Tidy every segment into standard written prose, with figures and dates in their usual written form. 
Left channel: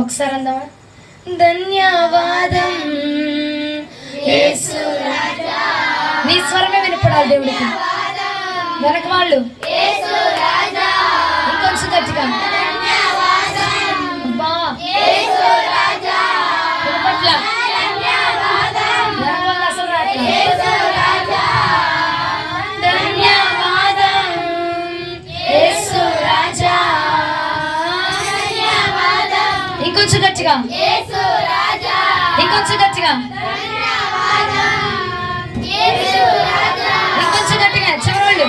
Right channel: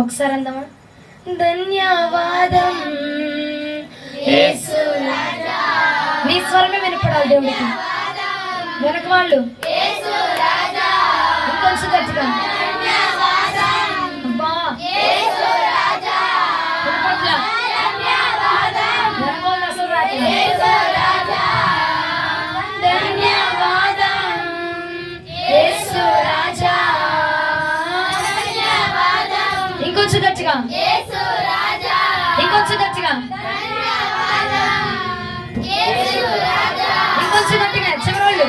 ఒకసారి అందామా? ధన్యవాదం యేసు రాజా. నీ స్వరమే వినపడాలి దేవుడికి. వెనక వాళ్ళు ఇంకొంచెం గట్టిగా ఇంకొంచెం గట్టిగా ఇంకొంచెం గట్టిగా ఇంకొంచెం గట్టిగా చివరోళ్ళు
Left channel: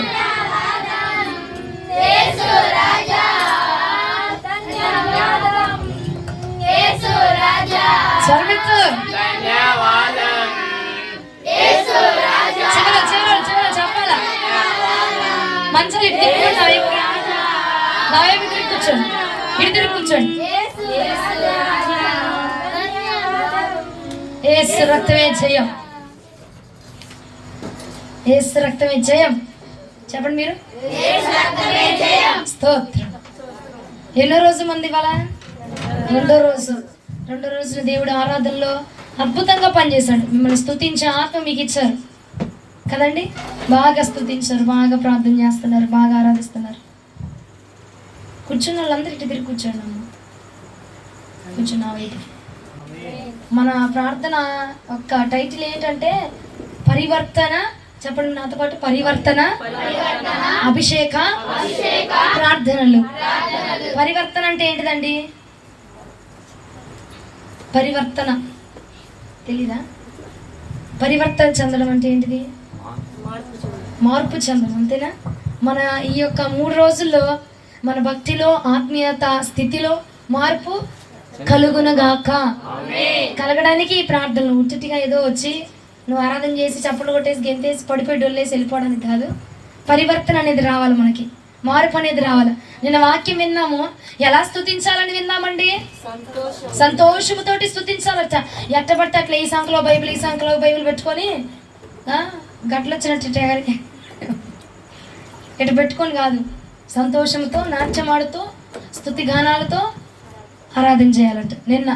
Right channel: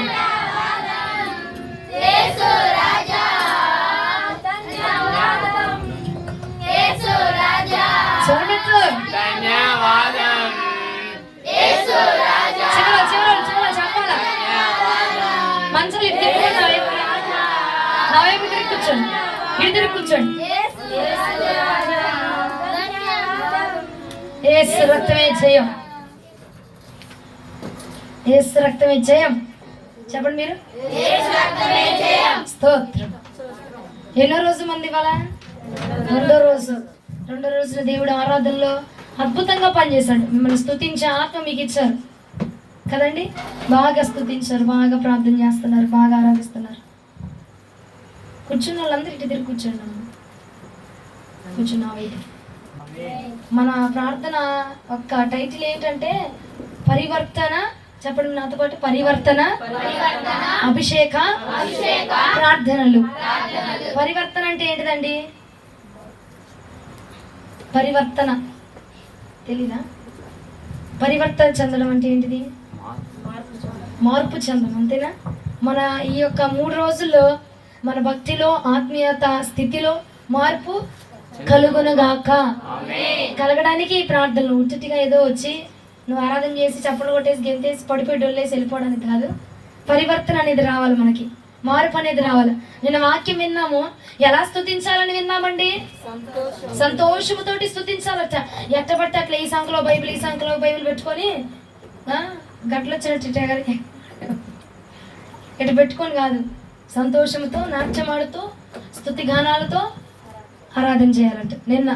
చివరు చెప్పాల. మంచిగా ఇటు తిరిగి కూర్చోండి, ఇటు తిరిగి కూర్చోండి. యేసు రక్తమే జయం, యేసు రక్తమే జయం. చెప్పండి మీరు. స్తోత్రం. ఎన్నో రోజు మంది ఇవాళ? రెండో రోజున దేవుడు ఆరాధనలో అద్భుతంగా పనిచేశాడు. మిమ్మల్ని స్తుతించే ఆత్మ మీకు ఇచ్చారు కదండి. బాగా స్తుతించారు, బాగా ప్రార్థన చేస్తున్నారు, బాగా ఆరాధిస్తున్నారు. కూర్చున్న వాళ్ళందరూ ఇటు తిరిగి కూర్చోండి అమ్మ. కూర్చున్నా వైపు. మన ప్రార్థన ఒక టైటిల్ ఏంటంటే పరివర్తన. చెప్పండి నాతో పాటు. పరివర్తన, అభిషేక ప్రార్థనలు. పరివర్తన అంటే ఏంటిదండి? పరివర్తన తెలీదా? పరివర్తన చెందడం అంటే ఏంటిది? మార్పు చెందడం, అంతేనా? మన ఈ యొక్క 3 రోజుల్లో మన భక్తిలో, ఆత్మీయత స్థితిలో మార్పు కలుగునగాక. కలగడానికి ఈ ప్రార్థనలు ఉచిటిగా ఏదో వచ్చి నువ్వు ఆరాధన చేసి చప్పట్లు కొట్టేసి గెంతేసి పడిపోయి డొల్లేసి వెళ్ళిపోవడానికి కాదు. పరివర్తన అనేది రావాలి, మనకి మార్పు అనేది రావాలి. నిన్న వాక్యం విన్నాము, ఎలా స్తుతించాలని విన్నామండి? సంతోషముతోటి స్తుతించాలట. ఎట్టబట్టి అట్లా ఈ సంఖ్యలో బైబిల్, ఈ సంఖ్యలో బైబిల్ పెట్టుకొని గట్లు వచ్చినట్టు ఇటు పెట్టుకొని కాదు, సంతోషంతో నాట్యమాడుతూ స్తుతి గానాలతో ఆరాధన చేయాలంట. నిన్న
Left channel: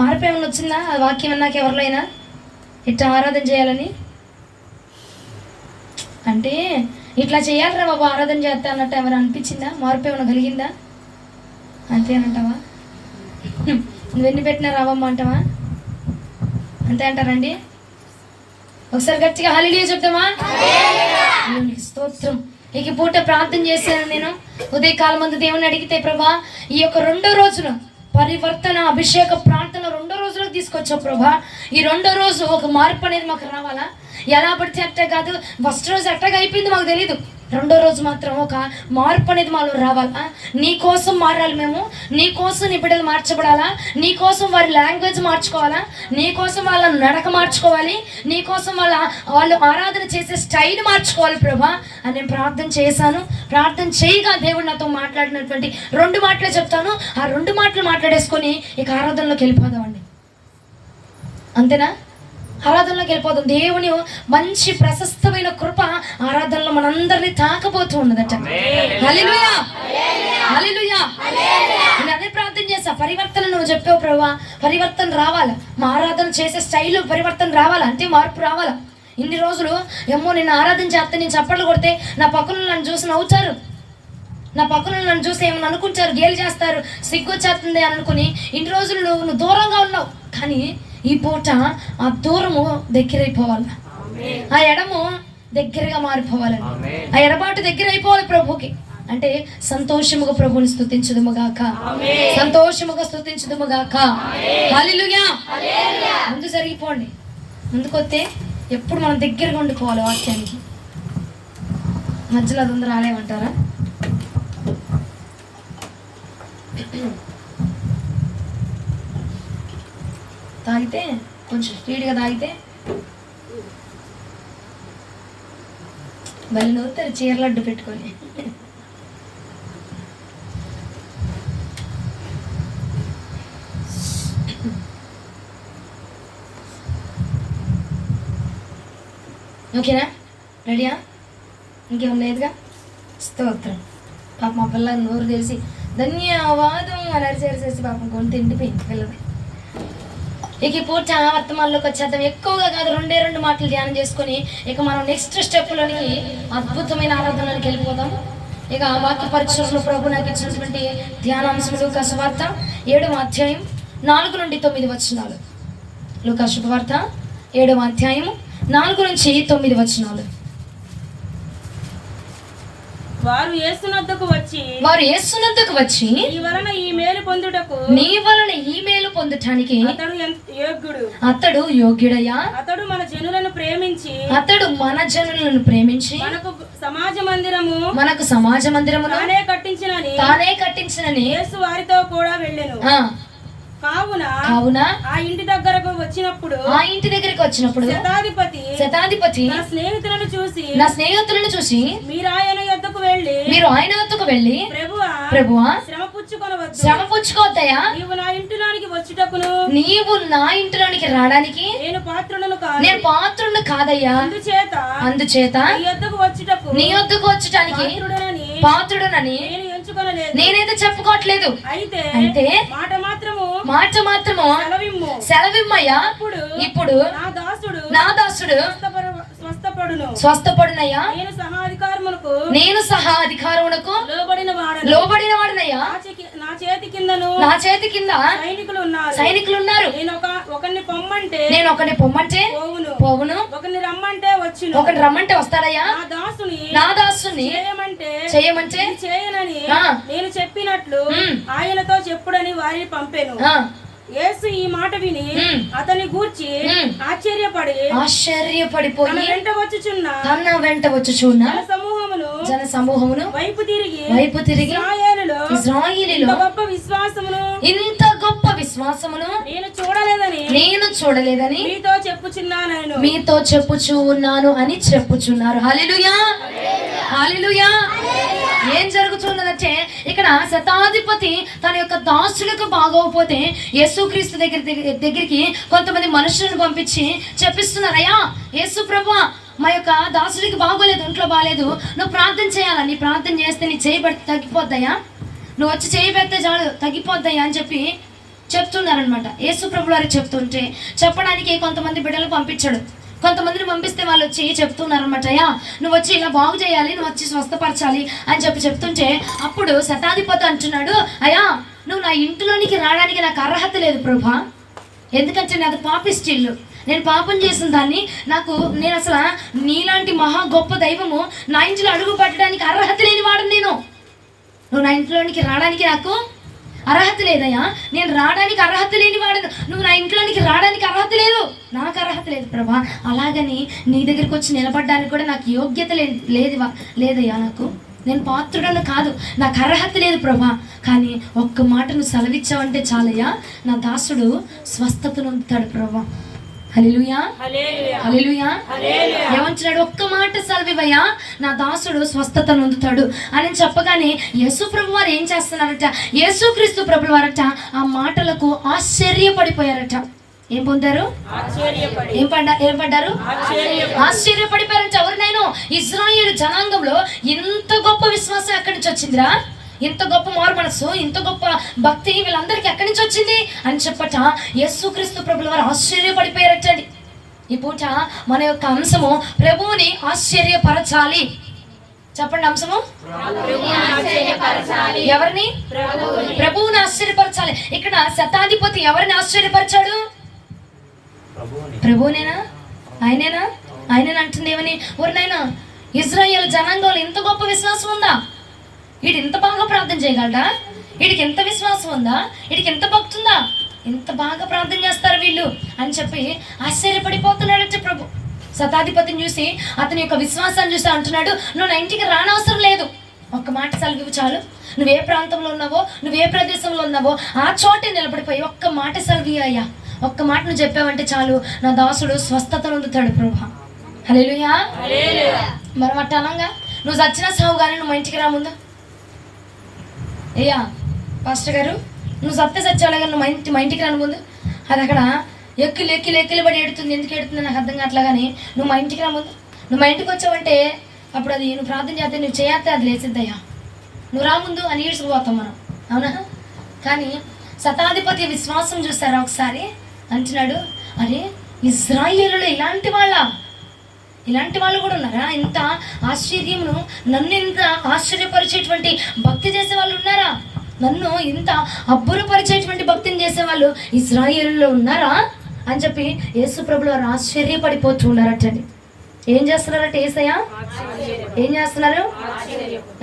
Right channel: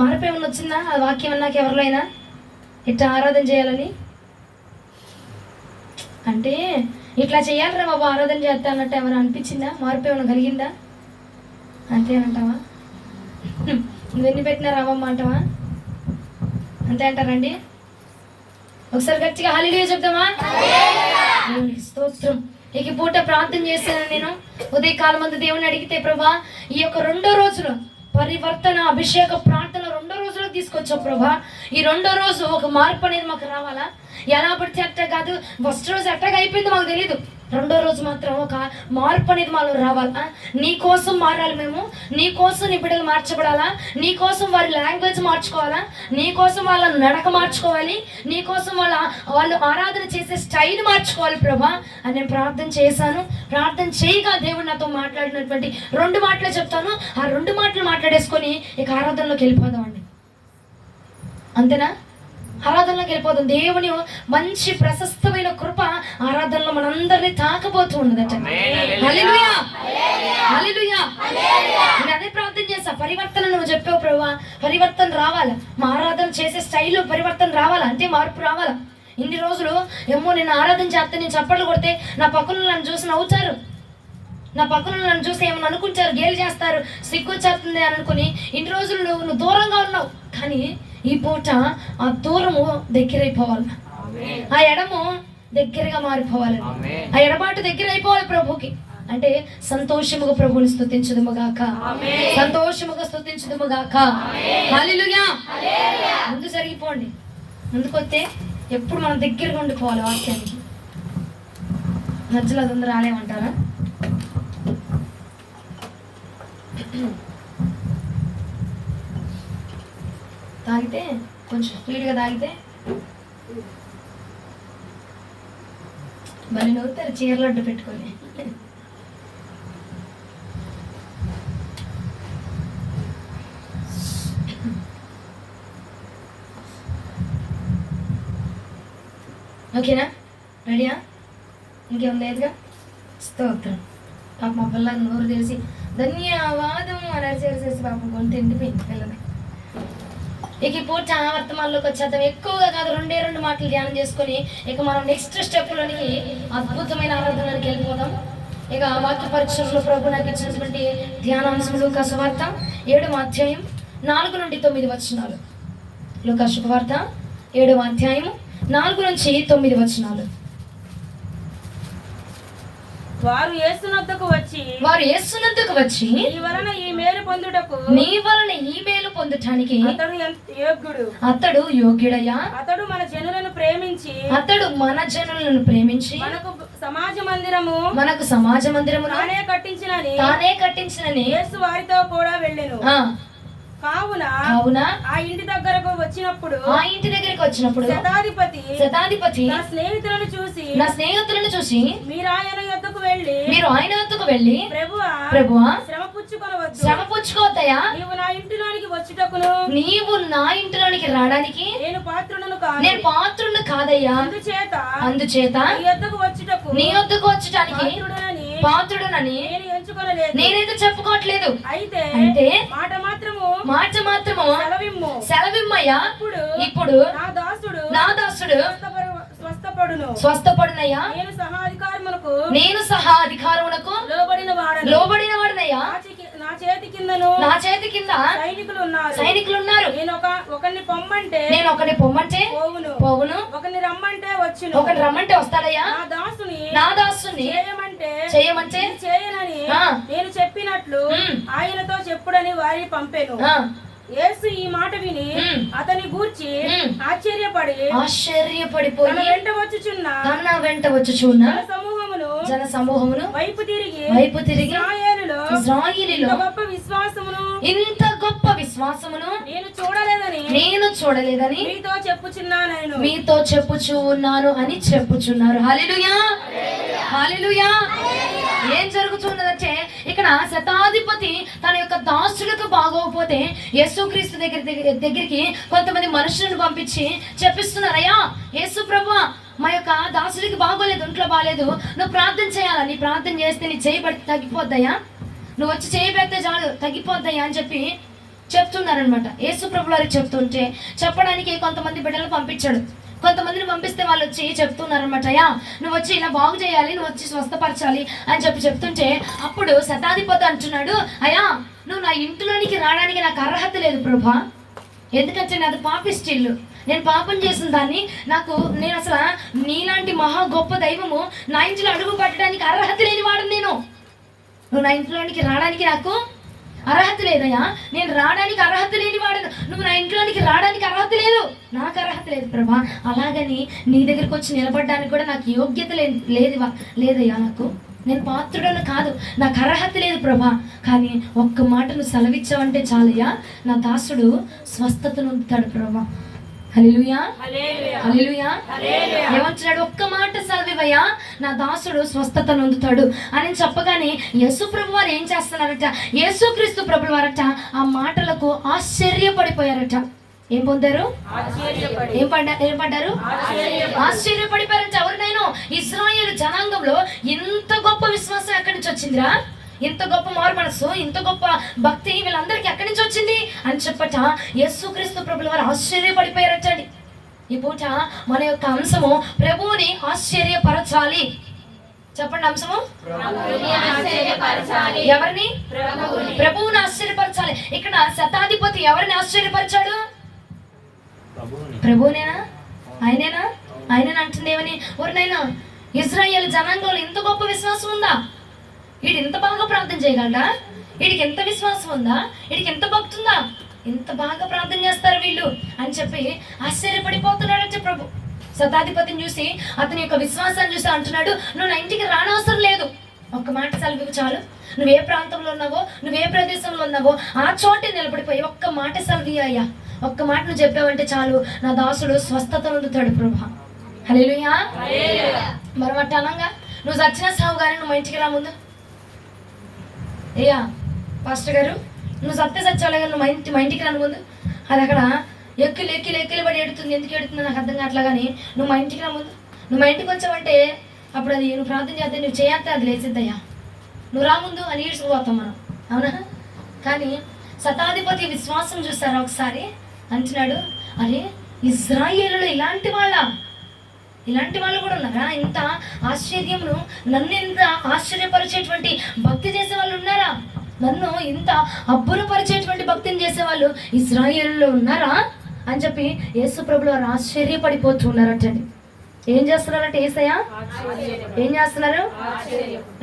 మార్పు ఏమైనా వచ్చిందా? ఆ వాక్యం విన్నాక ఎవరిలో అయినా ఇట్లా ఆరాధన చేయాలని అంటే ఇట్లా చేయాలరా బాబు ఆరాధన చేస్తా అన్నట్టు ఎవరు అనిపించిందా? మార్పు ఏమైనా కలిగిందా? అంతేనంటావా? నువ్వెన్ని పెట్టినా రావమ్మ అంటావా? అంతే అంటారండి. ఒకసారి గట్టిగా హల్లెలూయా చెప్తామా? స్తోత్రం. ఇక పూట ప్రార్థన చేశాను నేను. ఉదయకాలం మంది దేవుని అడిగితే, ప్రభా ఈ యొక్క 2వ రోజున పరివర్తన అభిషేక ప్రార్థన 2వ రోజులో తీసుకొచ్చావు ప్రభా. ఈ 2వ రోజు ఒక మార్పు అనేది మాకు రావాలా? ఎలా పడితే అట్ట కాదు. ఫస్ట్ రోజు ఎట్టగా అయిపోయింది మాకు తెలియదు. 2వ రోజు మాత్రం ఒక మార్పు అనేది మాలో రావాలా? నీ కోసం మారాలి మేము. నీ కోసం నీ బిడ్డలు మార్చబడాలా? నీ కోసం వారి లాంగ్వేజ్ మార్చుకోవాలా? నీ కోసం వాళ్ళ నడక మార్చుకోవాలి. నీ కోసం వాళ్ళు ఆరాధన చేసే స్టైల్ మార్చుకోవాలి ప్రభా అని నేను ప్రార్థన చేశాను. ప్రార్థన చేయగా దేవుడు నాతో మాట్లాడినటువంటి 2 మాటలే చెప్తాను. ఆ 2 మాటలు మాట్లాడేసుకొని ఇక ఆరాధనలోకి వెళ్ళిపోదామండి. అంతేనా? ఆరాధనలోకి వెళ్ళిపోతాం. దేవుని మంచి ప్రశస్తమైన కృప ఆరాధనలో మనందరినీ తాకబోతూ ఉన్నదట. హల్లెలూయా, హల్లెలూయా. నేను అదే ప్రార్థన చేశా. పరివర్తన నువ్వు చెప్పావు ప్రభా, పరివర్తన రావాలా? మా ఆరాధన చేసే స్టైల్ పరివర్తన రావాలా? అంటే మార్పు రావాలా? ఇన్ని రోజులు ఏమో నేను ఆరాధన చేస్తే, నేను చప్పట్లు కొడితే నా పక్కన నన్ను చూసి నవ్వుతారు, నా పక్కన నన్ను చూసి ఏమని అనుకుంటారు, గేలు చేస్తారు, సిగ్గు చేస్తుంది అని అనుకుని ఇన్ని రోజులు నువ్వు దూరంగా ఉన్నావు. కానీ ఈ పూట ఆ దూరము దగ్గరైపోవాలి, ఆ ఎడము దగ్గరగా మారిపోవాలని, ఆ ఎడబాటు దగ్గర అయిపోవాలి ప్రభుకి. అంటే సంతోషముగా ప్రభుని స్తుతించుదుముగాక, సంతోషముగా స్తుతించుదుముగాక. హల్లెలూయా. ముందు జరిగిపోండి. ముందుకొస్తే ఎప్పుడు మనం దగ్గరగా ఉండిపోవాలి వాక్యానికి. మధ్యలో అదొందరు రాలేమంటారా? తాగితే కొంచెం స్పీడ్గా తాగితే మళ్ళీ నవ్వుతారు చీరలడ్డు పెట్టుకొని. ఓకేనా? రెడీయా? ఇంకేం లేదుగా? స్తోత్రం. పాప మా పిల్లలు నోరు తెలిసి ధన్యవాదము అని అరిచేసి పాపం కొని తిండిపోయింది పిల్లలు. ఇక ఈ పూట వర్తమానంలోకి వచ్చేద్దాం. ఎక్కువగా కాదు, రెండే 2 మాటలు ధ్యానం చేసుకొని ఇక మనం నెక్స్ట్ స్టెప్లోనికి అద్భుతమైన ఆరాధనలోకి వెళ్ళిపోదాం. ఇక వాక్య పరీక్షలో ప్రభు నాకు ఇచ్చినటువంటి ధ్యానాంశం లూకా సువార్త 7వ అధ్యాయం 4 నుండి 9 వచనాలు. లూకా శుభవార్త 7వ అధ్యాయం 4 నుంచి 9 వచనాలు. వారు యేసునొద్దకు వచ్చి నీ వలన ఈ మేలు పొందుటకు అతడు యోగ్యుడయ్యా. అతడు మన జనులను ప్రేమించి మనకు సమాజ మందిరము తానే కట్టించినని యేసు వారితో కూడా వెళ్ళెను. కావున ఆ ఇంటి దగ్గరకు వచ్చినప్పుడు శతాధిపతి నా స్నేహితులను చూసి మీరు ఆయన యొద్దకు వెళ్ళి ప్రభువా శ్రమ పుచ్చుకోవద్దయ్యా, నీవు నా ఇంటిలోనికి రావడానికి నేను పాత్రులను కాదయ్యా. అందుచేత నీ యొద్దకు వచ్చుటకు పాత్రుడనని నేనైతే చెప్పుకోవట్లేదు. అయితే మాట మాత్రము సెలవిమ్మయ్యా. ఇప్పుడు నా దాసుడు స్వస్థపడునయ్యా. నేను సహా అధికారమునకు లోబడిన వాడనయ్యా. నా చేతి కింద సైనికులు ఉన్నారు. నేను ఒకరిని పొమ్మంటే పోవును, ఒకరిని రమ్మంటే వస్తాడయ్యా. నా దాసుని చేయమంటే చేయనని నేను చెప్పినట్లు ఆయనతో చెప్పుడని వారిని పంపాను. యేసు ఈ మాట విని అతని గూర్చి ఆశ్చర్యపడిపోయి తన వెంట వచ్చుచున్న జన సమూహమును వైపు తిరిగి ఇశ్రాయేలులో ఇంత గొప్ప విశ్వాసమును నేను చూడలేదని మీతో చెప్పుచున్నాను అని చెప్పుచున్నారు. హల్లెలూయా, హల్లెలూయా. ఏం జరుగుతున్నదంటే ఇక్కడ శతాధిపతి తన యొక్క దాసులకు బాగోకపోతే యేసుక్రీస్తు దగ్గరికి కొంతమంది మనుషులను పంపించి చెప్పిస్తున్నారయ్యా, యేసు ప్రభువా మా యొక్క దాసుడికి బాగోలేదు, ఒంట్లో బాగలేదు, నువ్వు ప్రార్థన చేయాలా, నీ ప్రార్థన చేస్తే నీ చేయి పెడితే తగ్గిపోద్దయ్యా, నువ్వు వచ్చి చేయి పెడితే చాలు తగ్గిపోద్దయ్యా అని చెప్పి చెప్తున్నారనమాట. యేసు ప్రభు వారికి చెప్తుంటే చెప్పడానికి కొంతమంది బిడ్డలు పంపించాడు. కొంతమందిని పంపిస్తే వాళ్ళు వచ్చి చెప్తున్నారనమాట, అయ్యా నువ్వు వచ్చి ఇలా బాగు చేయాలి, నువ్వు వచ్చి స్వస్థపరచాలి అని చెప్తుంటే అప్పుడు శతాధిపతి అంటున్నాడు, అయ్యా నువ్వు నా ఇంటిలోనికి రావడానికి నాకు అర్హత లేదు ప్రభా, ఎందుకంటే నాది పాపిష్టిల్లు, నేను పాపం చేసిన దాన్ని నేను అసలు నీలాంటి మహా గొప్ప దైవము నా ఇంట్లో అడుగు పట్టడానికి అర్హత లేని వాడు, నువ్వు నా ఇంట్లోనికి రావడానికి నాకు అర్హత లేదయ్యా, నేను రావడానికి అర్హత లేని వాడు, నువ్వు నా ఇంట్లోనికి రావడానికి అర్హత లేదు, నాకు అర్హత లేదు ప్రభా, అలాగని నీ దగ్గరికి వచ్చి నిలబడడానికి కూడా నాకు యోగ్యత లేదయ్యా, నేను పాత్రుడను కాదు, నాకు అర్హత లేదు ప్రభా, కానీ ఒక్క మాట నువ్వు సెలవిచ్చావంటే చాలయ్యా, నా దాసుడు స్వస్థతను పొందుతాడు ప్రభా. హల్లెలూయా, హల్లెలూయా. ఏమంటున్నాడు, ఒక్క మాట సెలవివయ్యా నా దాసుడు స్వస్థత నొందుతాడు అని చెప్పగానే యేసు ప్రభు వారు ఏం చేస్తున్నారట, యేసుక్రీస్తు ప్రభు వారట ఆ మాటలకు ఆశ్చర్యపడిపోయారట. ఏం పొందారు? ఏం పడ్డారు? ఆశ్చర్యపడిపోయారంట. ఎవరినైనా ఇశ్రాయేలు జనాంగంలో ఇంత గొప్ప విశ్వాసం ఎక్కడి నుంచి వచ్చిందిరా, ఇంత గొప్ప మారు మనసు, ఇంత గొప్ప భక్తి వీళ్ళందరికీ ఎక్కడి నుంచి వచ్చింది అని చెప్పట యేసుక్రీస్తు ప్రభుల వారు ఆశ్చర్యపడిపోయారటండి. ఈ పూట మన యొక్క అంశము ప్రభువుని ఆశ్చర్యపరచాలి. చెప్పండి, అంశము ఎవరిని? ప్రభువుని ఆశ్చర్యపరచాలి. ఇక్కడ శతాధిపతి ఎవరిని ఆశ్చర్యపరిచాడు? ప్రభువునేనా? ఆయనేనా అంటుంది. ఏమని? ఎవరినైనా ఇశ్రాయేలు జనాంగంలో ఇంత గొప్ప విశ్వాసం ఉందా, వీడు ఇంత బాగా ప్రార్థన చేయగలడా, వీడికి ఎంత విశ్వాసం ఉందా, వీడికి ఎంత భక్తి ఉందా, ఎంత బాగా ప్రార్థన చేస్తారు వీళ్ళు అని చెప్పి ఆశ్చర్యపడిపోతున్నాడంటే ప్రభు. శతాధిపతిని చూసి అతని యొక్క విశ్వాసాన్ని చూసి అంటున్నాడు, నువ్వు నా ఇంటికి రానవసరం లేదు, ఒక్క మాట సెలవు చాలు, నువ్వే ప్రాంతంలో ఉన్నావో, నువ్వే ప్రదేశంలో ఉన్నావో ఆ చోటే నిలబడిపోయి ఒక్క మాట సెలవు అయ్యా, ఒక్క మాట నువ్వు చెప్పావంటే చాలు, నా దాసుడు స్వస్థత నొందుతాడు ప్రభా. హల్లెలూయా. మరి అట్ట అనంగా నువ్వు చచ్చినా సావు కానీ నువ్వు మా ఇంటికి రా ముందు. అయ్యా పాస్టర్ గారు నువ్వు సత్యాలని నువ్వు మా ఇంటికి రాను ముందు. అది అక్కడ ఎక్కిలు పడి ఎడుతుంది, ఎందుకు ఎడుతుంది నాకు అర్థం కావట్లా, కానీ నువ్వు మా ఇంటికి రా ముందు. నువ్వు మా ఇంటికి వచ్చావంటే అప్పుడు అది నువ్వు ప్రార్థన చేస్తే నువ్వు చేస్తే అది లేచిద్దయ్యా, నువ్వు రా ముందు అని ఈడ్చుకుపోతాం మనం, అవునా? కానీ శతాధిపతి విశ్వాసం చూసారా ఒకసారి? అంటున్నాడు, అరే ఇజ్రాయేలులో ఇలాంటి వాళ్ళు కూడా ఉన్నారా? ఇంత ఆశ్చర్యమును, నన్ను ఇంత ఆశ్చర్యపరిచేటువంటి భక్తి చేసే వాళ్ళు ఉన్నారా? నన్ను ఇంత అబ్బురపరిచేటువంటి భక్తిని చేసేవాళ్ళు ఇజ్రాయేలులో ఉన్నారా అని చెప్పి యేసు ప్రభులు వారు ఆశ్చర్యపడిపోతూ ఉన్నారటండి. ఏం చేస్తున్నారంటే యేసయ్య ఏం చేస్తున్నారు?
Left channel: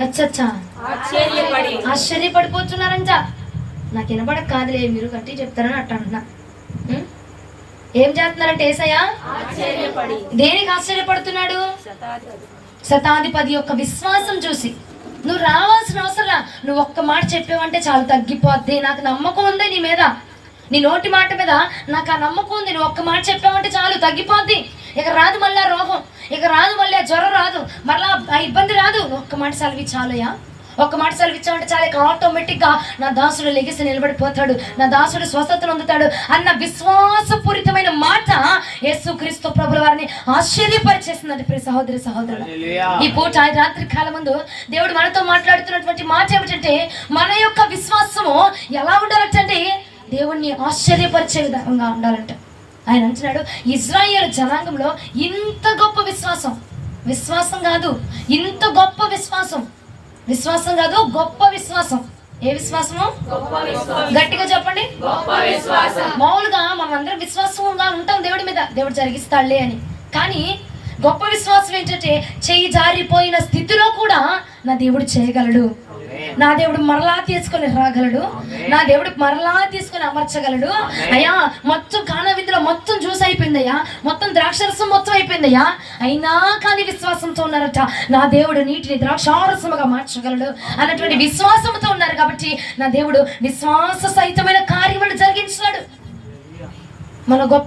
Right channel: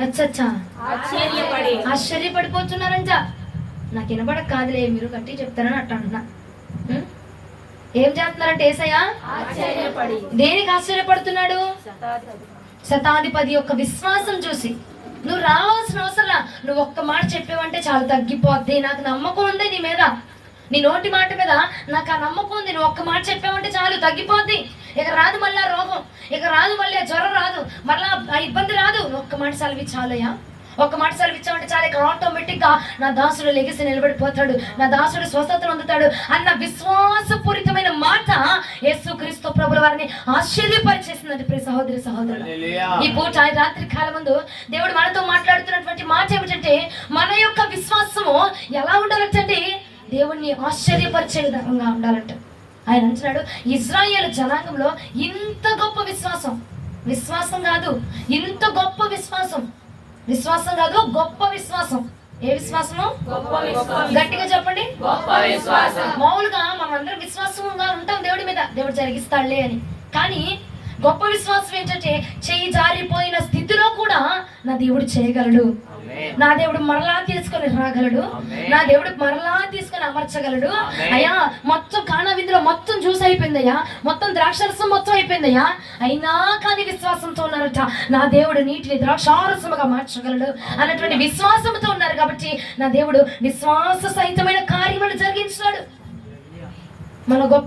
అచ్చచ్చా ఆశ్చర్యపడిపోతున్నారంట. నాకు వినపడక కాదులే, మీరు కట్టి చెప్తారని అట్ట అంటున్నా. ఏం చేస్తున్నారంటే యేసయ్య దేనికి ఆశ్చర్యపడుతున్నాడు? శతాధిపతి యొక్క విశ్వాసం చూసి. నువ్వు రావాల్సిన అవసరం, నువ్వు ఒక్క మాట చెప్పావంటే చాలా తగ్గిపోద్ది, నాకు నమ్మకం ఉంది నీ మీద, నీ నోటి మాట మీద నాకు ఆ నమ్మకం ఉంది, నువ్వు ఒక్క మాట చెప్పావంటే చాలు తగ్గిపోద్ది. ఇక రాదు మళ్ళీ రోగం, ఇక రాదు మళ్ళీ జ్వరం రాదు, మళ్ళా ఇబ్బంది రాదు. ఒక్క మాట సెలవి చాలయ్యా, ఒక్క మాట సెలవిచ్చామంటే చాలా ఇక ఆటోమేటిక్గా నా దాసుడు లెగిసి నిలబడిపోతాడు, నా దాసుడు స్వస్థతను పొందుతాడు అన్న విశ్వాసపూరితమైన మాట యేసుక్రీస్తు ప్రభుల వారిని ఆశ్చర్యపరిచేసిందండి. ప్రియ సహోదరి సహోదరులు, ఈ పూట రాత్రి కాలం ముందు దేవుడు మనతో మాట్లాడుతున్నటువంటి మాట ఏమిటంటే, మన యొక్క విశ్వాసము ఎలా ఉండాలంటే దేవుణ్ణి ఆశ్చర్యపరిచే విధంగా ఉండాలంట. ఆయన అంటున్నాడు, ఇజ్రాయేల్ జనాంగంలో ఇంత గొప్ప విశ్వాసం కాదు, ఇంత గొప్ప విశ్వాసం కాదు, గొప్ప విశ్వాసం. ఏ విశ్వాసము? గట్టిగా చెప్పండి. మామూలుగా మనం అందరం విశ్వాసంగా ఉంటాం దేవుడి మీద, దేవుడు జరిగిస్తాడులే అని. కానీ గొప్ప విశ్వాసం ఏంటంటే, చెయ్యి జారిపోయిన స్థితిలో కూడా నా దేవుడు చేయగలడు, నా దేవుడు మరలా తీసుకొని రాగలడు, నా దేవుడు మరలా తీసుకొని అమర్చగలడు. అయ్యా మొత్తం కానా విందులో మొత్తం జ్యూస్ అయిపోయిందయ్యా, మొత్తం ద్రాక్షరసం మొత్తం అయిపోయిందయ్యా, అయినా కానీ విశ్వాసంతో ఉన్నారట, నా దేవుడు నీటిని ద్రాక్షారసముగా మార్చగలడు అన్నటువంటి విశ్వాసంతో ఉన్నారు. కాబట్టి నా దేవుడు విశ్వాస సహితమైన కార్యములు జరిగించినాడు.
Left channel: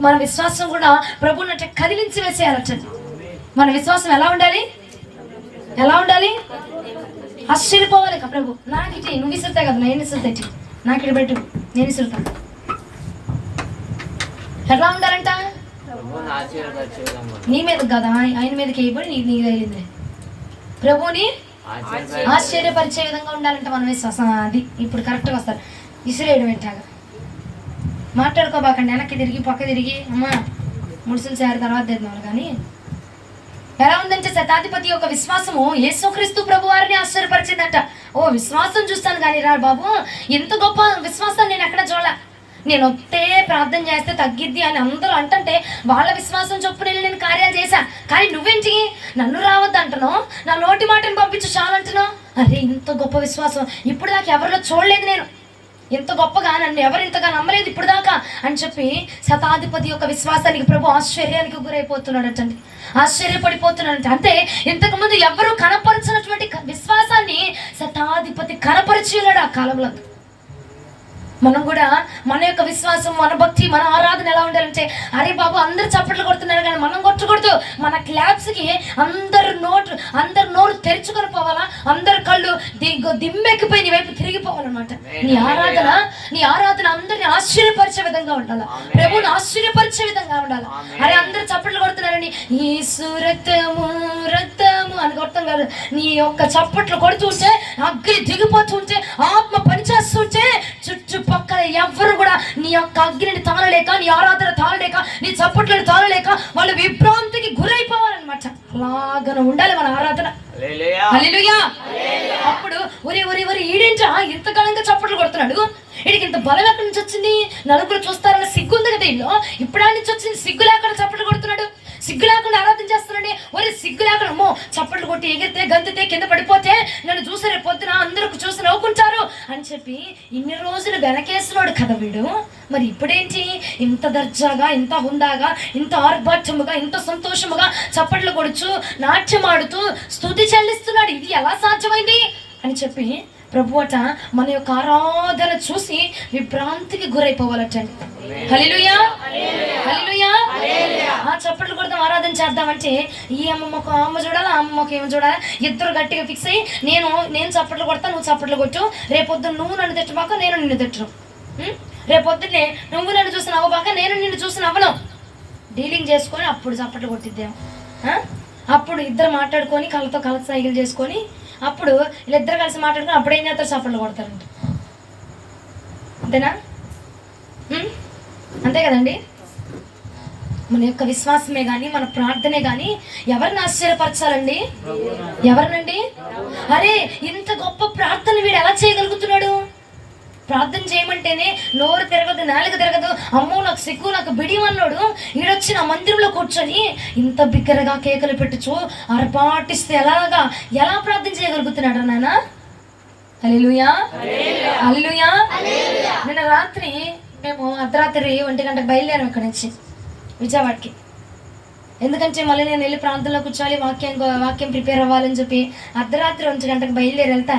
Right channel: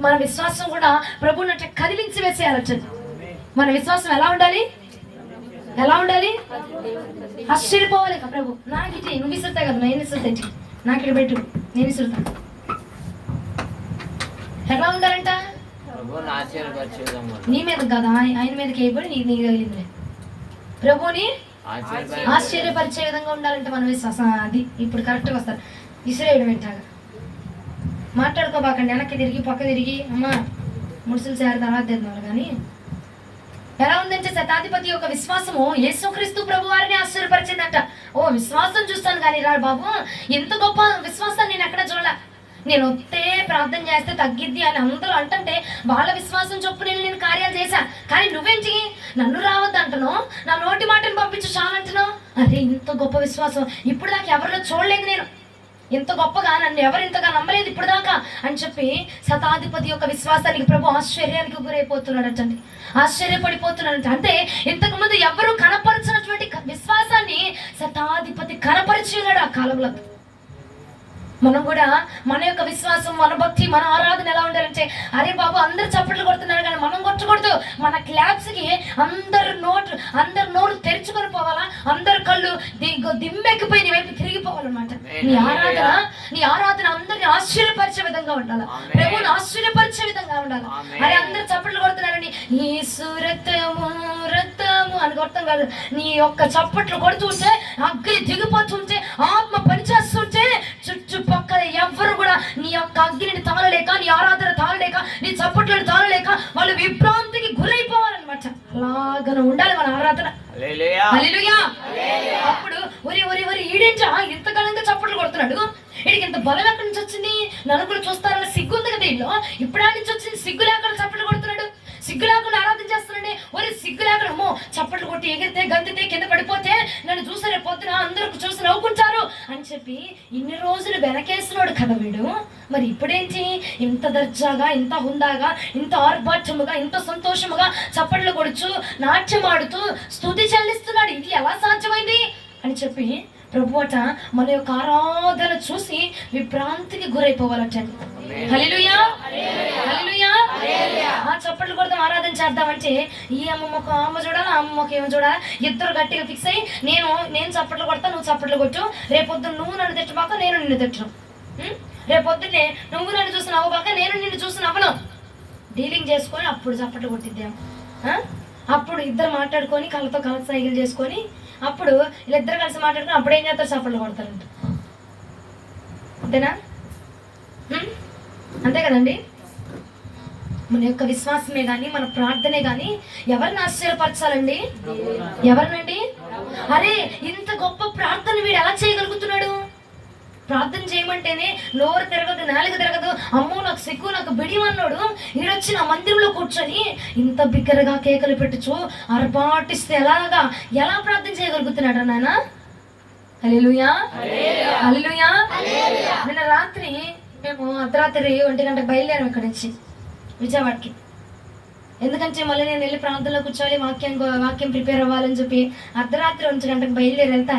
మన విశ్వాసం కూడా ప్రభువుని కదిలించి వేసేయాలట. మన విశ్వాసం ఎలా ఉండాలి? ఆశ్చర్యపోవాలి కదా ప్రభు, నాకు ఇటు నువ్వు విసురుతా కదా, నేను విసురుతా, ఇటు నాకు ఇటు పెట్టు, నేను విసురుతా. ఎలా ఉండాలంట? నీ మీద కదా, ఆయన మీదకి అయిపోయి నీకు తగిలింది. ప్రభుని ఆశ్చర్యపరిచే విధంగా ఉండాలంటే మన విశ్వాసం. అది ఇప్పుడు కరెక్ట్గా వస్తారు. విసిరేయడం ఏంటాగా మాట్లాడుకోబాకండి, వెనక్కి తిరిగి పక్క తిరిగి అమ్మ ముడుసులు చేర తర్వాత తిన్నారు. కానీ ఎలా ఉందంటే శతాధిపతి యొక్క విశ్వాసము యేసుక్రీస్తు ప్రభు వారిని ఆశ్చర్యపరిచిందంట. ఓ విశ్వాసం చూస్తాను కానీ రా బాబు, ఎంత గొప్ప విశ్వాసం నేను ఎక్కడ చూడాల, నేను వస్తే ప్రార్థన చేస్తే తగ్గిద్ది అని అందరూ అంటుంటే వాళ్ళ విశ్వాసం చొప్పున నేను కార్యాలు చేశా. కానీ నువ్వేంటి నన్ను రావద్దు అంటున్నావు, నా నోటి మాటను పంపించు చాలంటున్నావు. అరే ఇంత గొప్ప విశ్వాసం ఇప్పుడు దాకా ఎవరిలో చూడలేదు, నేను ఇంత గొప్పగా నన్ను ఎవరు ఇంతగా నమ్మలేదు ఇప్పుడు దాకా అని చెప్పి శతాధిపతి యొక్క విశ్వాసానికి ప్రభు ఆశ్చర్యానికి గురైపోతున్నాడటండి, ఆశ్చర్యపడిపోతున్నాడంట. అంటే ఇంతకుముందు ఎవరు కనపరచినటువంటి విశ్వాసాన్ని శతాధిపతి కనపరిచి ఉన్నాడు ఆ కాలంలో. మనం కూడా మన యొక్క విశ్వాసం, మన భక్తి, మన ఆరాధన ఎలా ఉండాలంటే, అరే బాబు అందరు చప్పట్లు కొడుతున్నారు కానీ మనం కొట్టకూడదు. మన క్లాప్స్కి అందరు నోరు తెరుచుకొని పోవాలా, అందరు కళ్ళు దిమ్మెక్కిపోయి నీ వైపు తిరిగిపోవాలన్నమాట. నీ ఆరాధన అందరిని ఆశ్చర్యపరిచే విధంగా ఉండాలి, ప్రభువుని ఆశ్చర్యపరిచే విధంగా ఉండాలి. అరే అందరు చప్పట్లు కొడుతున్నారని యేసు రక్తము రక్తము అని కొడతాం కాదు, నీ యొక్క చప్పట్లు కొడుతుంటే అగ్ని దిగిపోతుంటే ఆత్మ పనిచేస్తుంటే చుట్టుపక్కల ఎవ్వరు కూడా నీ యొక్క అగ్నిని తాళలేక, నీ ఆరాధన తాళలేక, నీ చప్పట్లను తాళలేక వాళ్ళు విభ్రాంతికి గురైపోవాలన్నమాట. అలాగన ఉండాలి మన ఆరాధన. హల్లెలూయా. అప్పుడు ఒరి ఈడించా ఇంతకాలంగా చప్పట్లు కొడుతున్నాడు, వీడికి ఇంత బలం ఎక్కడి నుంచి వచ్చింది, నలుగురు చూస్తారన్న సిగ్గు ఉంది కదా ఇల్లు, ఇప్పుడు నుంచి వచ్చింది సిగ్గు లేకుండా చప్పట్లు కొడుతున్నాడు, సిగ్గు లేకుండా ఆరాధన చేస్తున్నాడు. ఒరే సిగ్గు లేకుండా అమ్మో చప్పట్లు కొట్టి ఎగిరితే గంతితే కింద పడిపోతే నన్ను చూసి రేపు పొద్దున అందరూ చూసి నవ్వుకుంటారు అని చెప్పి ఇన్ని రోజులు వెనకేస్తున్నాడు కదా వీడు. మరి ఇప్పుడేంటి ఇంత దర్జాగా, ఇంత హుందాగా, ఇంత ఆర్భాటముగా, ఇంత సంతోషముగా చప్పట్లు కొడుచు నాట్యం ఆడుతూ స్తుతి చెల్లిస్తున్నాడు, ఇది ఎలా సాధ్యమైంది అని చెప్పి ప్రభువట మన యొక్క ఆరాధన చూసి విభ్రాంతికి గురైపోవాలటండి. హల్లెలూయా హల్లెలూయా. ఆ చప్పట్లు కొడతాం, ఆరాధన చేద్దామంటే ఈ అమ్మమ్మకు అమ్మ చూడాలి, ఆ అమ్మమ్మకి ఏమో చూడాలి, ఇద్దరు గట్టిగా ఫిక్స్ అయ్యి నేను చప్పట్లు కొడతా, నువ్వు చప్పట్లు కొట్టు, రేపొద్దున నువ్వు నన్ను తిట్టమాక నేను నిన్ను తిట్టను, రేపొద్దునే నువ్వు నన్ను చూసి నవ్వబాక నేను నిన్ను చూసి నవ్వను, డీలింగ్ చేసుకొని అప్పుడు చప్పట్లు కొట్టిద్దేమో. అప్పుడు ఇద్దరు మాట్లాడుకొని కళ్ళతో కళ్ళ సైకిల్ చేసుకొని అప్పుడు వీళ్ళిద్దరు కలిసి మాట్లాడుకుని అప్పుడు ఏం చేస్తారు, చప్పట్లు కొడతారంట. అంతేనా? అంతే కదండి. మన యొక్క విశ్వాసమే కానీ మన ప్రార్థనే కానీ ఎవరిని ఆశ్చర్యపరచాలండి? ఎవరినండి? అరే ఇంత గొప్ప ప్రార్థన వీడు ఎలా చేయగలుగుతున్నాడు? ప్రార్థన చేయమంటేనే నోరు తిరగదు, నాలుగు తిరగదు, అమ్మో నాకు సిగ్గు, నాకు బిడిమన్నాడు ఈడొచ్చి నా మందిరంలో కూర్చొని ఇంత బిగ్గరగా కేకలు పెట్టుచు అరపాటిస్తే ఎలా ప్రార్థన చేయగలుగుతున్నాడు నాన్న? హల్లెలూయా, హల్లెలూయా. నిన్న రాత్రి మేము అర్ధరాత్రి 1 గంటకు బయలుదేరాం ఇక్కడ నుంచి విజయవాడకి. ఎందుకంటే మళ్ళీ నేను వెళ్ళి ప్రాంతంలో కూర్చోవాలి, వాక్యం ప్రిపేర్ అవ్వాలని చెప్పి అర్ధరాత్రి 1 గంటకు బయలుదేరి వెళ్తే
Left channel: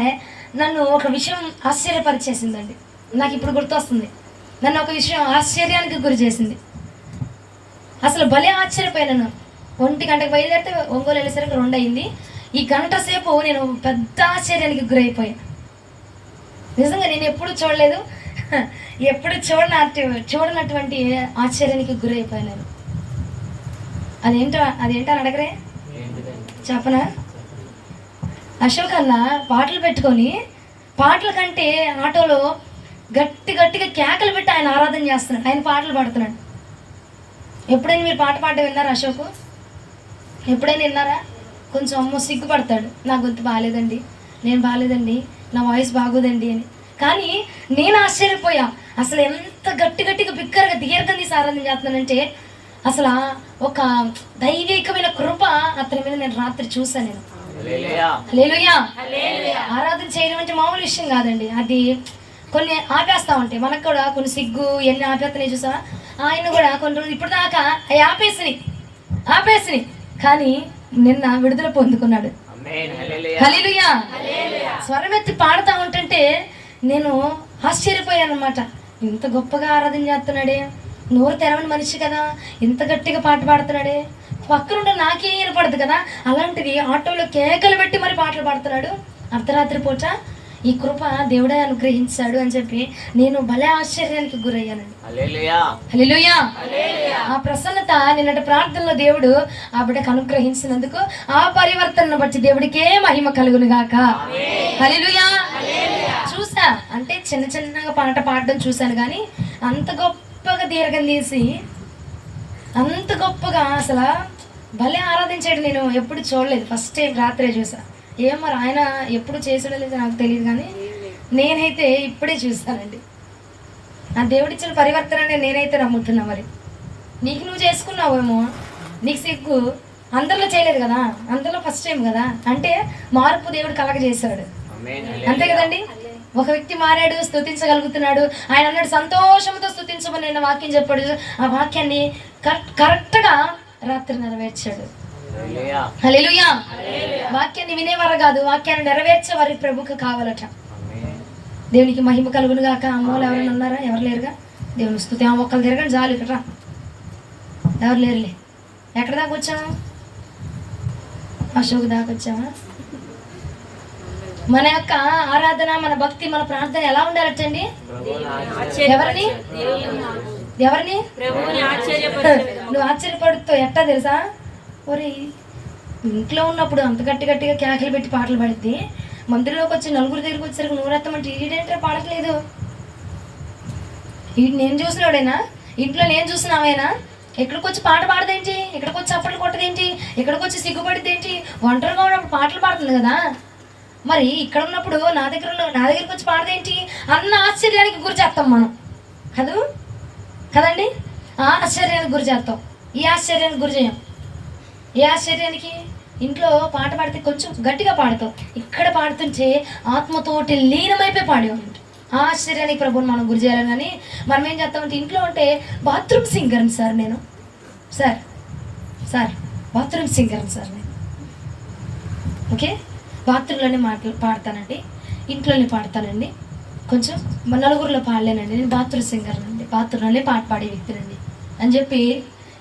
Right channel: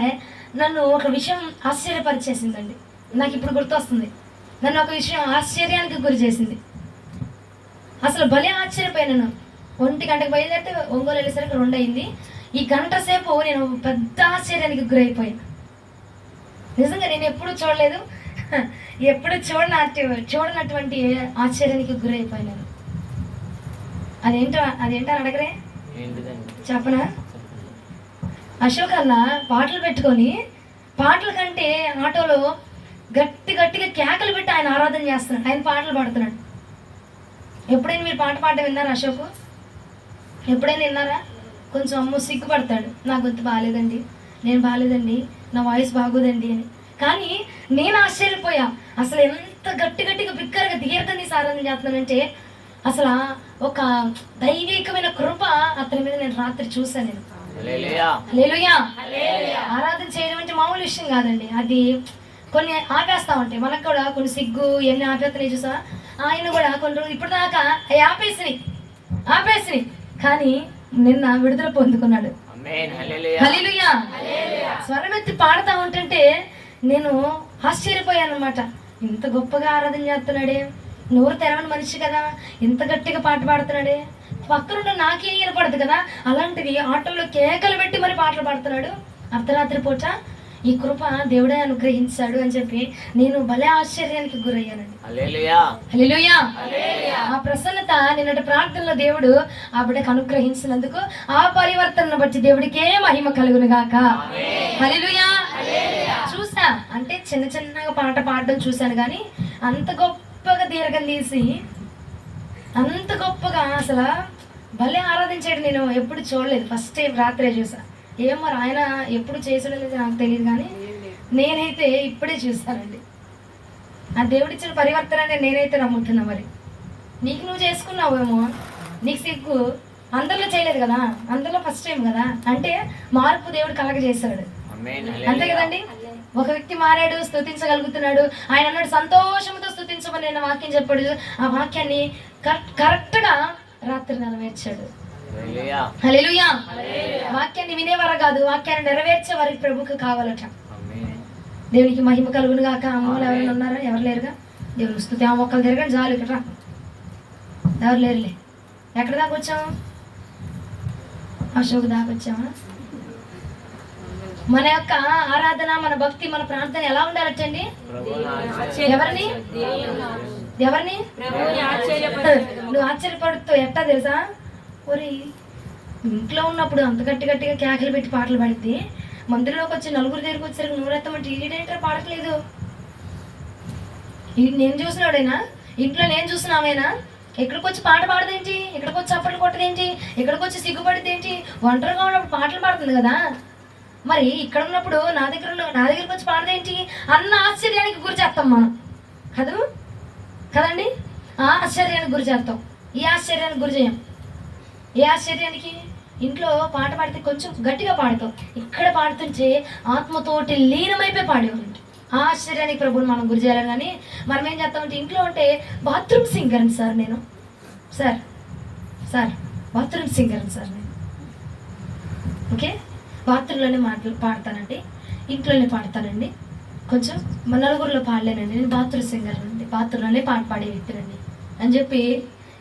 నన్ను ఒక విషయం ఆశ్చర్యపరిచేసిందండి. నాకు ఇప్పుడు గుర్తొస్తుంది. నన్ను ఒక విషయం ఆశ్చర్యానికి గురి చేసింది. అసలు భలే ఆశ్చర్యపోయాను. 1 గంటకు బయలుదేరితే ఒంగోలు వెళ్ళేసరికి 2 అయింది. ఈ గంట సేపు నేను పెద్ద ఆశ్చర్యానికి గురైపోయాను. నిజంగా నేను ఎప్పుడు చూడలేదు, ఎప్పుడు చూడనటువంటి ఆశ్చర్యానికి గురైపోయినాను. అదేంటో అడగరే, చెప్పనా? అశోక్ అన్న పాటలు పెట్టుకొని పాటల కంటే ఆటోలో గట్టిగా కేకలు పెట్టి ఆయన ఆరాధన చేస్తున్నాడు, ఆయన పాటలు పాడుతున్నాడు. ఎప్పుడైనా మీరు పాట పాడడం విన్నారా అశోక్? ఎప్పుడైనా విన్నారా? కొంచెం అమ్మో సిగ్గుపడతాడు, నా గొంతు బాగాలేదండి, నేను బాగాలేదండి, నా వాయిస్ బాగోదండి అని. కానీ నేను ఆశ్చర్యపోయా, అసలు ఎంత గట్టిగా బిక్కరగా దీర్ఘం తీసి ఆరాధన చేస్తున్నానంటే అసలు ఒక దైవికమైన కృప అతని మీద నేను రాత్రి చూసాను. నేను హల్లెలూయా. ఆరాధన చేయడం అంటే మామూలు విషయం కాదండి. అది కొన్ని ఆపేస్తా ఉంటాయి, మనకు కూడా కొన్ని సిగ్గు ఎన్ని ఆపేస్తున్నాయి చూసావా? ఆయన కూడా కొన్ని రోజులు ఇప్పుడు దాకా అవి ఆపేసినాయి కానీ నిన్న విడుదల పొందుకున్నాడు. హల్లెలూయా. స్వరం ఎత్తి పాడుతా ఉంటుంటే నేను ఆశ్చర్యపోయాను అనమాట. ఇంత గొప్పగా ఆరాధన చేస్తున్నాడే, నోరు తెరవని మనిషి కదా, ఇంత గట్టిగా పాట పాడుతున్నాడే, పక్కనుండ నాకే వినపడదు కదా, అలాంటిది ఆటోలో కేకలు పెట్టి మరి పాటలు పాడుతున్నాడు అర్ధరాత్రి పూట. ఈ కృప దేవుడే అనుగ్రహించాడు అని చెప్పి నేను భలే ఆశ్చర్యానికి గురయ్యానండి. హల్లెలూయా. ఆ ప్రసన్నత నిన్నటి ప్రార్థనలో దేవుడు ఆ బిడ్డకు అనుగ్రహించినందుకు ఆ పరివర్తనను బట్టి దేవుడికే మహిమ కలుగును గాక. హల్లెలూయా. చూసా అంటే చిన్నగా పాట పాడడం చూశాను, కానీ అంత గొప్పగా దీర్ఘం తీసి అంత గొప్పగా అసలు భలే ఆరాధించాడు. నేను ఎప్పుడు చూడలేదు, ఫస్ట్ టైం రాత్రే చూసా. ఏం మరి ఆయన ఎప్పుడు చేసాడో లేదో నాకు తెలియదు, కానీ నేనైతే ఇప్పుడే చూసానండి. ఆ దేవుడిచ్చిన పరివర్తన నేనైతే నమ్ముతున్నా. మరి నీకు నువ్వు చేసుకున్నావేమో, నీకు సిగ్గు, అందరిలో చేయలేదు కదా, అందరిలో ఫస్ట్ టైం కదా, అంటే మార్పు దేవుడు కలగజేశాడు. అంతే కదండి. ఒక వ్యక్తి మారాడు, స్తుతించగలుగుతున్నాడు. ఆయన అన్నాడు సంతోషంతో స్తుతించమని నేను వాక్యం చెప్పాడు. ఆ వాక్యాన్ని కరెక్ట్గా రాత్రి నెరవేర్చాడు. హల్లెలూయా. వాక్యాన్ని వినేవారు కాదు, వాక్యాన్ని నెరవేర్చే వారికి ప్రభుకు కావాలట. దేవునికి మహిమ కలుగును గాక. అమ్మోళ్ళు ఎవరైనా ఉన్నారా? ఎవరు లేరుగా. దేవుని స్తుతి. ఒక్కరు తిరగండి చాలు, ఇక్కడ ఎవరు లేరులే. ఎక్కడ దాకా వచ్చాము? అశోక్ దాకా వచ్చామా? మన యొక్క ఆరాధన, మన భక్తి, మన ప్రార్థన ఎలా ఉండాలటండి? ఎవరిని నువ్వు ఆశ్చర్యపడుతావు. ఎట్టా తెలుసా? ఒరే ఇంట్లో ఉన్నప్పుడు అంత గట్టిగా కేకలు పెట్టి పాటలు పాడితే మందిరంలోకి వచ్చి నలుగురు దగ్గరికి వచ్చేసరికి నూరెత్తమంటే ఈడేంటే పాడట్లేదు. నేను చూసినవాడేనా? ఇంట్లో నేను చూసినావేనా? ఎక్కడికి వచ్చి పాట పాడదేంటి, ఇక్కడికి వచ్చి చప్పట్లు కొట్టదేంటి, ఇక్కడికి వచ్చి సిగ్గుపడితేంటి, ఒంటరిగా ఉన్నప్పుడు పాటలు పాడుతుంది కదా, మరి ఇక్కడ ఉన్నప్పుడు నా దగ్గరికి వచ్చి పాడదేంటి అన్న ఆశ్చర్యానికి గురి చేస్తాం మనం కదండి. ఆ ఆశ్చర్యానికి గురి చేస్తాం, ఈ ఆశ్చర్యానికి గురి చేయం. ఏ ఆశ్చర్యానికి? ఇంట్లో పాట పాడితే కొంచెం గట్టిగా పాడతాం, ఇక్కడ పాడుతుంటే ఆత్మతోటి లీనమైపోయి పాడేవాళ్ళు. ఆ ఆశ్చర్యానికి ప్రభుని మనం గురి చేయాలి. కానీ మనం ఏం చేస్తామంటే ఇంట్లో ఉంటే బాత్రూమ్ సింగర్ని సార్ నేను, సార్ బాత్రూమ్ సింగర్ని సార్ నేను. ఓకే, బాత్రూంలోనే పాడతానండి, ఇంట్లోనే పాడతానండి, కొంచెం నలుగురిలో పాడలేనండి, నేను బాత్రూమ్ సింగర్ అండి, బాత్రూంలోనే పాట పాడే వ్యక్తినండి అని చెప్పి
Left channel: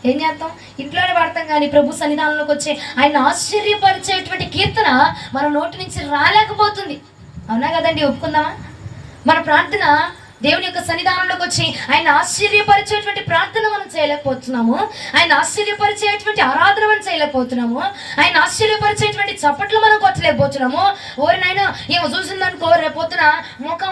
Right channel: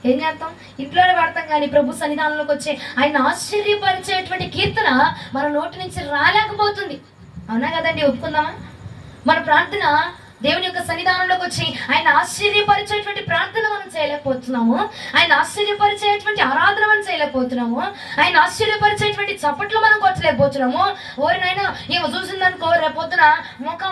ఏం చేస్తాం? ఇంట్లోనే పాడతాం. కానీ ప్రభు సన్నిధానంలోకి వచ్చే ఆయన ఆశ్చర్యపరిచేటువంటి కీర్తన మన నోటి నుంచి రాలేకపోతుంది. అవునా కదండి? ఒప్పుకుందామా? మన ప్రార్థన దేవుని యొక్క సన్నిధానంలోకి వచ్చి ఆయన ఆశ్చర్యపరిచేటువంటి ప్రార్థన మనం చేయలేకపోతున్నాము, ఆయన ఆశ్చర్యపరిచేటువంటి ఆరాధన మనం చేయలేకపోతున్నాము, ఆయన ఆశ్చర్యపరిచేటువంటి చప్పట్లు మనం కొట్టలేకపోతున్నాము. ఓరినైనా ఏమో చూసిందనుకో రేపొద్దున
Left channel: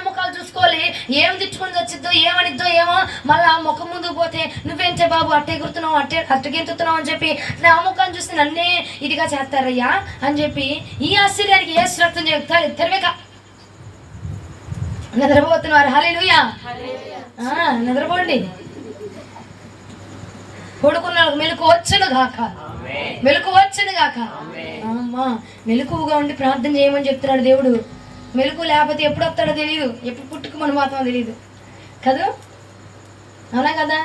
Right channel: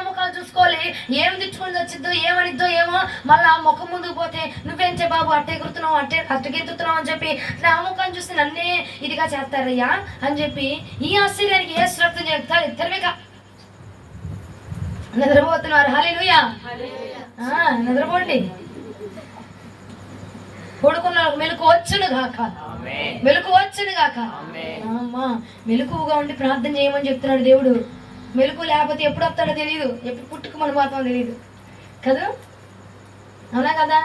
ముఖాలు చూసుకోవాలి, ఏం తెచ్చుకొని వచ్చిద్దో ఏమనిద్దో ఏమో, మళ్ళా ముఖం ముందుకు పోతే నువ్వేంటే బాబు అట్టే గుర్తున్నావు అట్టగెత్తుతున్నావు అని చెప్పి నా ముఖాన్ని చూసి నన్నే ఇదిగా చేస్తారయ్యా అని చెప్పి ఈ ఆశ్చర్యానికి ఏ శ్రద్ధం చెప్తారు తెరవేక నిద్రపోతున్నారు. హల్లెలూయా. నిద్రపోండి. పడుకున్న మెలకు వచ్చును గాక, మెలకు వచ్చును గాక. అమ్మా మెలకుగా ఉండి ప్రార్థన చేయమని చెప్తున్నాడు దేవుడు. మెలకు లేకపోతే ఎప్పుడు వస్తాడో తెలియదు, ఎప్పుడు పుట్టుకు పోతామో తెలియదు కదా. అవునా కదా?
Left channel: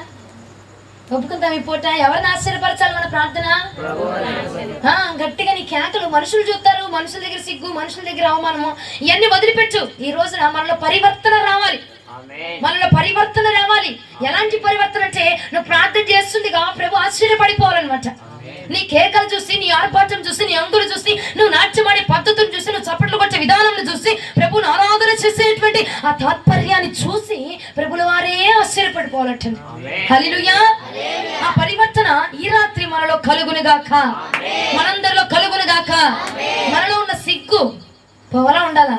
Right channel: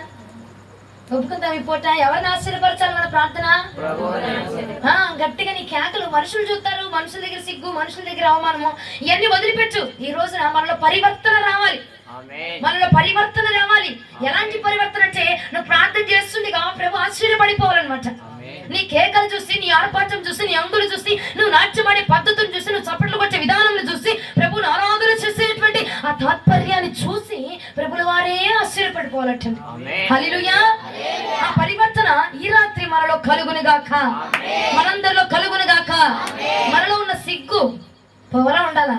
ఒప్పుకుంటాం. ఈ పూట ఎవరిని ఆశ్చర్యపరచాలి మన ప్రార్థన? గట్టిగా నీ కేకలు. మనుషులు చూస్తారు, మనుషుల దగ్గర సిగ్గు, మనుషుల దగ్గర అవమానము, ఇవన్నీ వదిలిపెట్టు. ఈ రోజున మనలో పరివర్తన రావాలి, మనలో పరివర్తన రావాలి. ఎలాంటి పరివర్తన అంటే నువ్వు ప్రార్థన చేస్తుందిగా ప్రభు ఆశ్చర్యపడిపోవాలన్నమాట. నీ కేకలు చూసి, నీ ఆర్భాటం చూసి, నీ అంగులు చూసి, నువ్వు నాట్యమాడే పద్ధతులు చూసి, నువ్వు చప్పట్లు కొట్టే విధానం చూసి, ప్రభుని ఆరాధన చేసేటువంటి ఆ తాత్పర్యాన్ని చూసి ప్రభుల వారే ఆశ్చర్యపడిపోవాలంటండి. హల్లెలూయా. ఆ పరివర్తన ఈ రాత్రి మనలో కలుగునుగాక, మనందరిలో కలుగునుగాక. మనలో ఉన్న సిగ్గు పోవాలా ఉండాలా?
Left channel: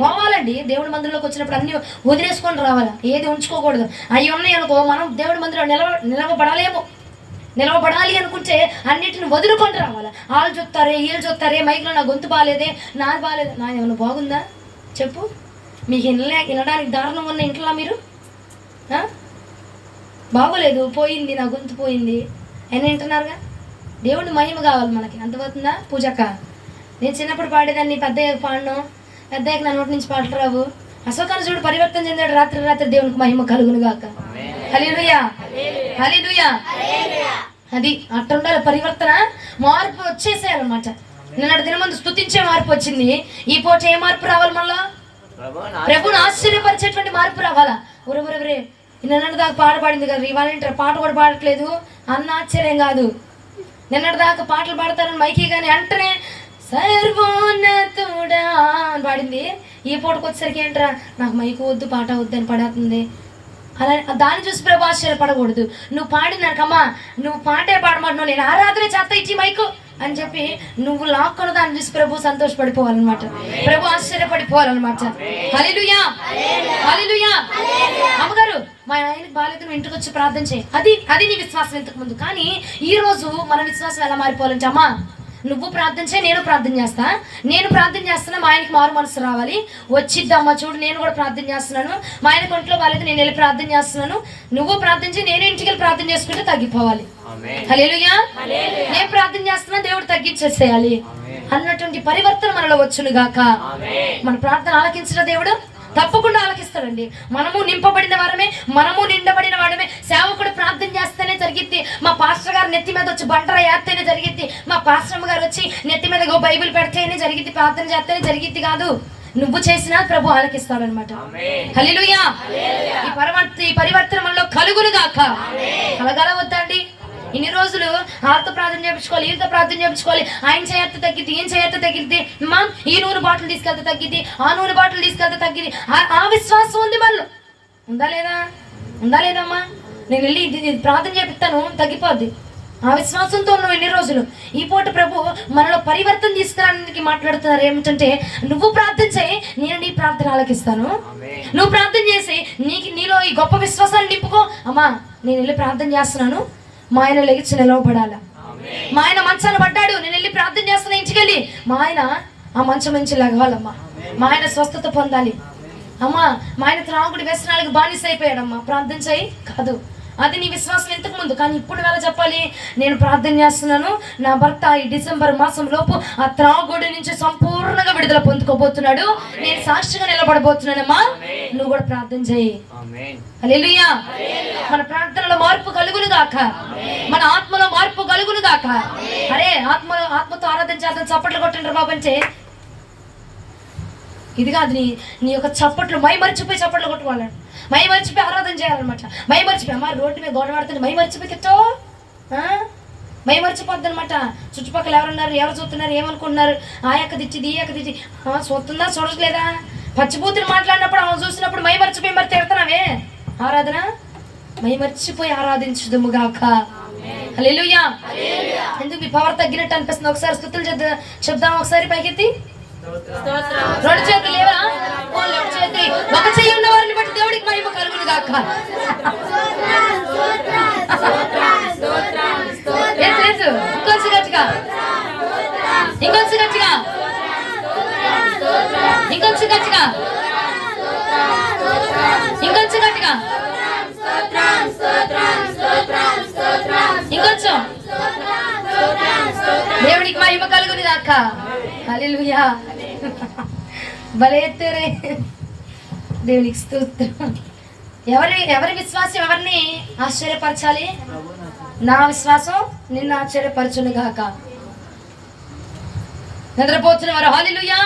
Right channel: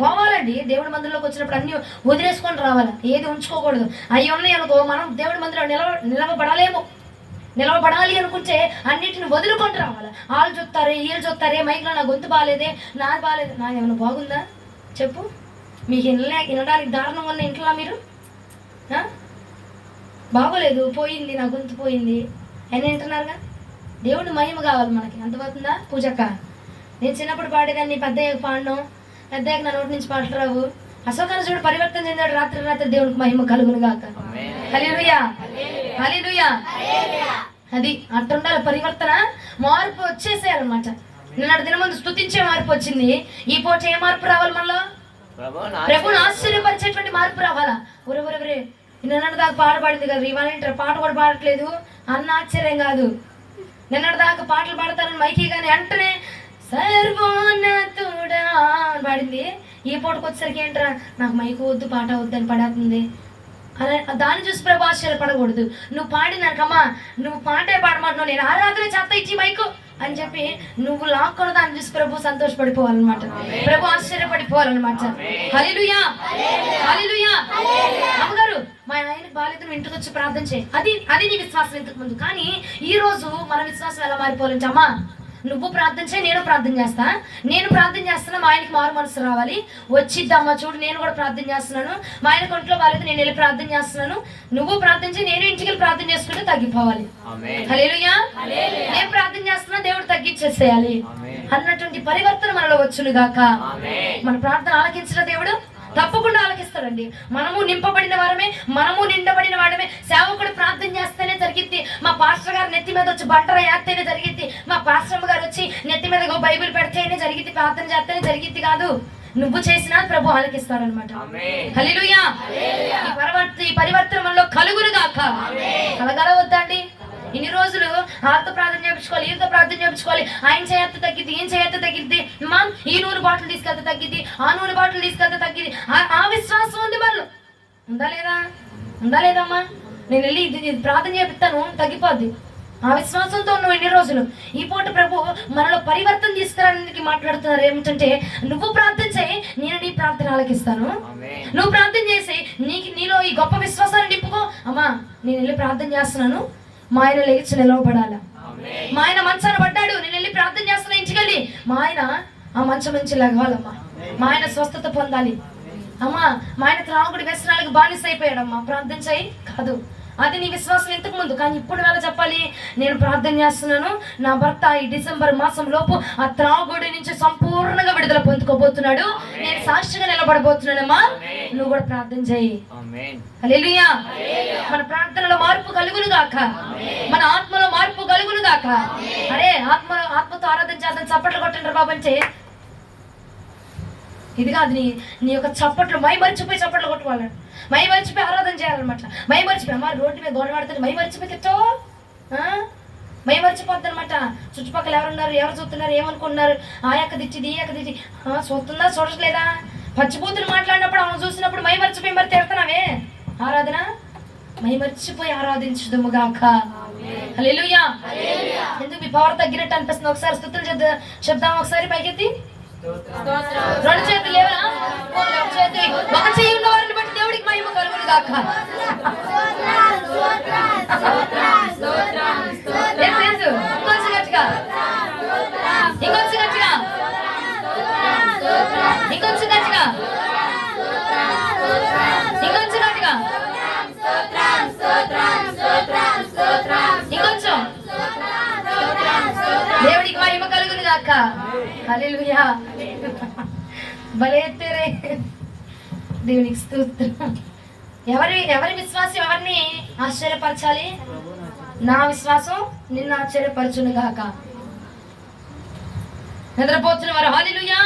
పోవాలండి. దేవుడి మందిరంలోకి వచ్చినప్పుడు అన్ని వదిలేసుకొని రావాలా, ఏది ఉంచుకోకూడదు. అవి ఉన్నాయి అనుకో మనం దేవుడి మందిరంలో నిలవబడాలి అనుకుంటే అన్నిటిని వదులుకొని రావాలా. వాళ్ళు చూస్తారే, వీళ్ళు చూస్తారే, మైక్లో నా గొంతు బాగాలేదే, నాది బాగాలేదు, నాది ఏమన్నా బాగుందా చెప్పు. మీకు వినడానికి దారుణం ఉన్న ఇంట్లో మీరు బాగోలేదు, పోయింది, నా గొంతు పోయింది అని వింటున్నారుగా. దేవుడి మహిమ కావాలి మనకి. అంతపోతుందా పూజక్క? నేను చిన్నప్పుడు పాడేదాన్ని, పెద్దయ్యకు పాడను, పెద్దయ్యకు నా నోటి నుంచి పాటలు రావు. అశోకాన్ని చూడు పరివర్తన చెందాడు, రాత్రి దేవునికి మహిమ కలుగును గాక. హల్లెలూయా, హల్లెలూయా. అది అట్టుండాలి పరివర్తన. మార్పు వచ్చేసేయాలన్నమాట. నిన్నటి దినమందు స్తుతించే మార్పు వచ్చింది, ఈ పూట ఏ మార్పు రావాలి? మళ్ళా ప్రభుని ఆశ్చర్యపరిచేటువంటి మార్పు రావాలా. ఒరే నిన్నటి దాకా పాడబడింది కదా, ఇవాళ పాట కూడా పాడట్లేదు అన్న ఆశ్చర్యం కాదు. నిన్నటి దాకా పాటలు పాడతారని మైకి కానీ అంటనే సర్వోన్నతుడా అని పాడింది. ఈ పూటకు వచ్చేసరికి ఏంట్రా నాకు మైకు వద్దు, పాట వద్దు అని పడుతుంది. అలా దాన్ని చూసి ప్రభు ఆశ్చర్యపడకూడదు. నువ్వు పాడినాకమ్మా, నువ్వు పాటే పాడమంటున్నావు, నేను ఆరాధన చేస్తా ఇచ్చి మైకు అని చెప్పి నువ్వు లాక్కున్న దాన్ని చూసి ప్రభు సంతోషపడిపోవాలన్నమాట, ప్రభు ఆశ్చర్యపడిపోవాలన్నమాట. హల్లెలూయా, హల్లెలూయా. అమ్మగారు మా ఆయనకి బాగాలేదు, నువ్వు ఇంటికి వచ్చి ప్రార్థన చేయి. అది నీ విశ్వాసం ఇంతకు ముందు. కానీ ఈ రోజు మన విశ్వాసం ఎలా మారిపోవాలంటే, అమ్మా నువ్వు ప్రార్థన చేయి, నేను ప్రార్థన చేస్తా. నేను ప్రార్థన చేస్తున్నా, మా ఆయనకి మారు మనసు రావాలి. వచ్చిద్దమ్మా చూడు, నేను కూడా ప్రార్థన చేస్తున్నాను, మా ఆయనకు ఒంట్లో బాగాలేదు, నేను వెళ్ళి ప్రార్థన చేస్తున్నాను, నువ్వు ప్రార్థన చేయి, నేను ఇంటికి వెళ్ళి ప్రార్థన చేసుకుంటే తగ్గిపోవాలి. హల్లెలూయా. నేను ప్రార్థన చేస్తున్నా, దేవుడు తగ్గించేసేయాలి అన్నటువంటి పరివర్తన మనలో వచ్చును గాక. మన ప్రార్థన ఆలకించిన దేవుడు తప్పకుండా ఆలకిస్తాడండి. మనము నింపబడిన వారమే, మనము నిండబడిన వాడమే. సేవకుడు ప్రార్థన చేస్తేనే జరిగిద్ది. మా పాస్టర్ గారు నెత్తి మీద వచ్చి బంటర వేస్తేనే జరిగిద్ది. మా పాస్టర్ గారు వచ్చి నెత్తి మీద బైబిల్ పెడితేనే జరిగిద్ది, ప్రార్థన చేస్తేనే జరిగిద్ది కాదు. నువ్వు చేసినా ప్రభు ఆలకిస్తాడనమాట. హల్లెలూయా. ఈ పరివర్తన మనలో కలుగును గాక. కలగాల వద్దండి? ఇన్ని రోజులు వాళ్ళతో ప్రార్థన చేయించుకోవాలి, వీళ్ళతో ప్రార్థన చేయించుకోవాలి, ఆయన చేయత్త తగ్గిద్ది, ఈయన చేయత్త తగ్గిద్ది, మా ఈ నూనె బాటిల్ తీసుకెళ్తే తగ్గిద్ది, ఆ నూనె బాటిల్ తీసుకెళ్తే తగ్గిద్ది. ఆ విశ్వాసం ఉంది మనలో. ఉందా లేదమ్మా? నేను వెళ్ళి ఇది ప్రార్థన చేపిస్తాను తగ్గిపోద్ది. ఆ విశ్వాసంతో ఉన్నావు ఇన్ని రోజులు. ఈ పూట ప్రభు మనలో పరివర్తన తీసుకురావడానికి మాట్లాడుతున్నారు. ఏమిటంటే నువ్వు ప్రార్థన చేయి, నేను నీ ప్రార్థన ఆలకిస్తాను. నువ్వు ప్రార్థన చేసి నీలో ఈ గొప్ప విశ్వాసాన్ని నింపుకో. అమ్మా నేను వెళ్ళి ప్రార్థన చేస్తున్నాను, మా ఆయన లెగిచి నిలవబడాల. మా ఆయన మంచాన పడ్డాడు, నేను వెళ్ళి ప్రార్థన చేస్తున్నా ఇంటికి వెళ్ళి, మా ఆయన ఆ మంచం నుంచి లెగవాలమ్మా, మా ఆయన స్వస్థత పొందాలి. అమ్మా మా ఆయన త్రాగుడి వ్యసనాలకు బానిస అయిపోయాడమ్మా, ప్రార్థన చేయి. కాదు, అది నీ విశ్వాసం ఇంతకు ముందు. కానీ ఇప్పుడు వేళ చెప్పాలి, నేను ప్రార్థన చేస్తున్నాను, నా భర్త ఈ డిసెంబర్ మాసం లోపు ఆ త్రాగుడి నుంచి సంపూర్ణంగా విడుదల పొందుకోబోతున్నాడు, నేను సాక్షిగా నిలబడబోతున్నానమ్మా, నువ్వు కూడా ప్రార్థన చేయి. హల్లెలూయా. మన ప్రార్థనలో మార్పు కలుగును గాక, మన ఆత్మలో మార్పు కలుగును గాక. అరే ఆత్మతో ఆరాధన చేద్దాం, చప్పట్లు కొట్టండి బాబు అంటే ఇది కాదు. నీ యొక్క చప్పట్లు మై మర్చిపోయి చప్పట్లు కొట్టుకోవాలంట, మై మర్చిపోయి ఆరాధన చేయాలన్నమాట. మై మర్చిపోయి అమ్మ రోడ్డు మీద గోడ ఆడుతుంది, మై మర్చిపోయి తెచ్చో మై మర్చిపోద్ది అనమాట. చుట్టుపక్కల ఎవరున్నారు, ఎవరు చూస్తున్నారు, ఏమనుకుంటున్నారు, ఆ యొక్క తెచ్చిది ఈ యొక్క తెచ్చి చూస్తుందా చూడట్లేదా, పచ్చిబూతులు మాట్లాడినప్పుడు ఆమె చూసినప్పుడు మై మర్చిపోయి మరి తిడతావే. ఆరాధన మై మర్చిపోయి ఆరాధించుదుముగాక. హల్లెలూయా. ఎందుకు మీ పవర్ తగ్గినట్టు అనిపిస్తుంది? ఒకసారి స్తుతులు చెప్దాం. ఒకసారి పైకెత్తి. రెండు చేతులు లేవా? రెండు చేతులు. ఒక చెయ్యి ఉన్న వారిని బట్టి దేవుడికి మహిమ కలుగును గాక. ఇంకొంచెం గట్టిగా, ఇంకొంచెం గట్టిగా, ఇంకొంచెం గట్టిగా, ఇంకొంచెం గట్టిగా, ఇంకొంచెం. దేవుడికి మహిమ కలుగును గాక. హల్లెలూయా. భలే ఎత్తారే. దేవునికి స్తోత్రం. ఎవరి విశ్వాసం ఎవరిని ఆశ్చర్యపరచాలి? నా విశ్వాసం నిన్ను ఆశ్చర్యపరచును గాక. నిద్రపోతున్న వారు హల్లెలూయా.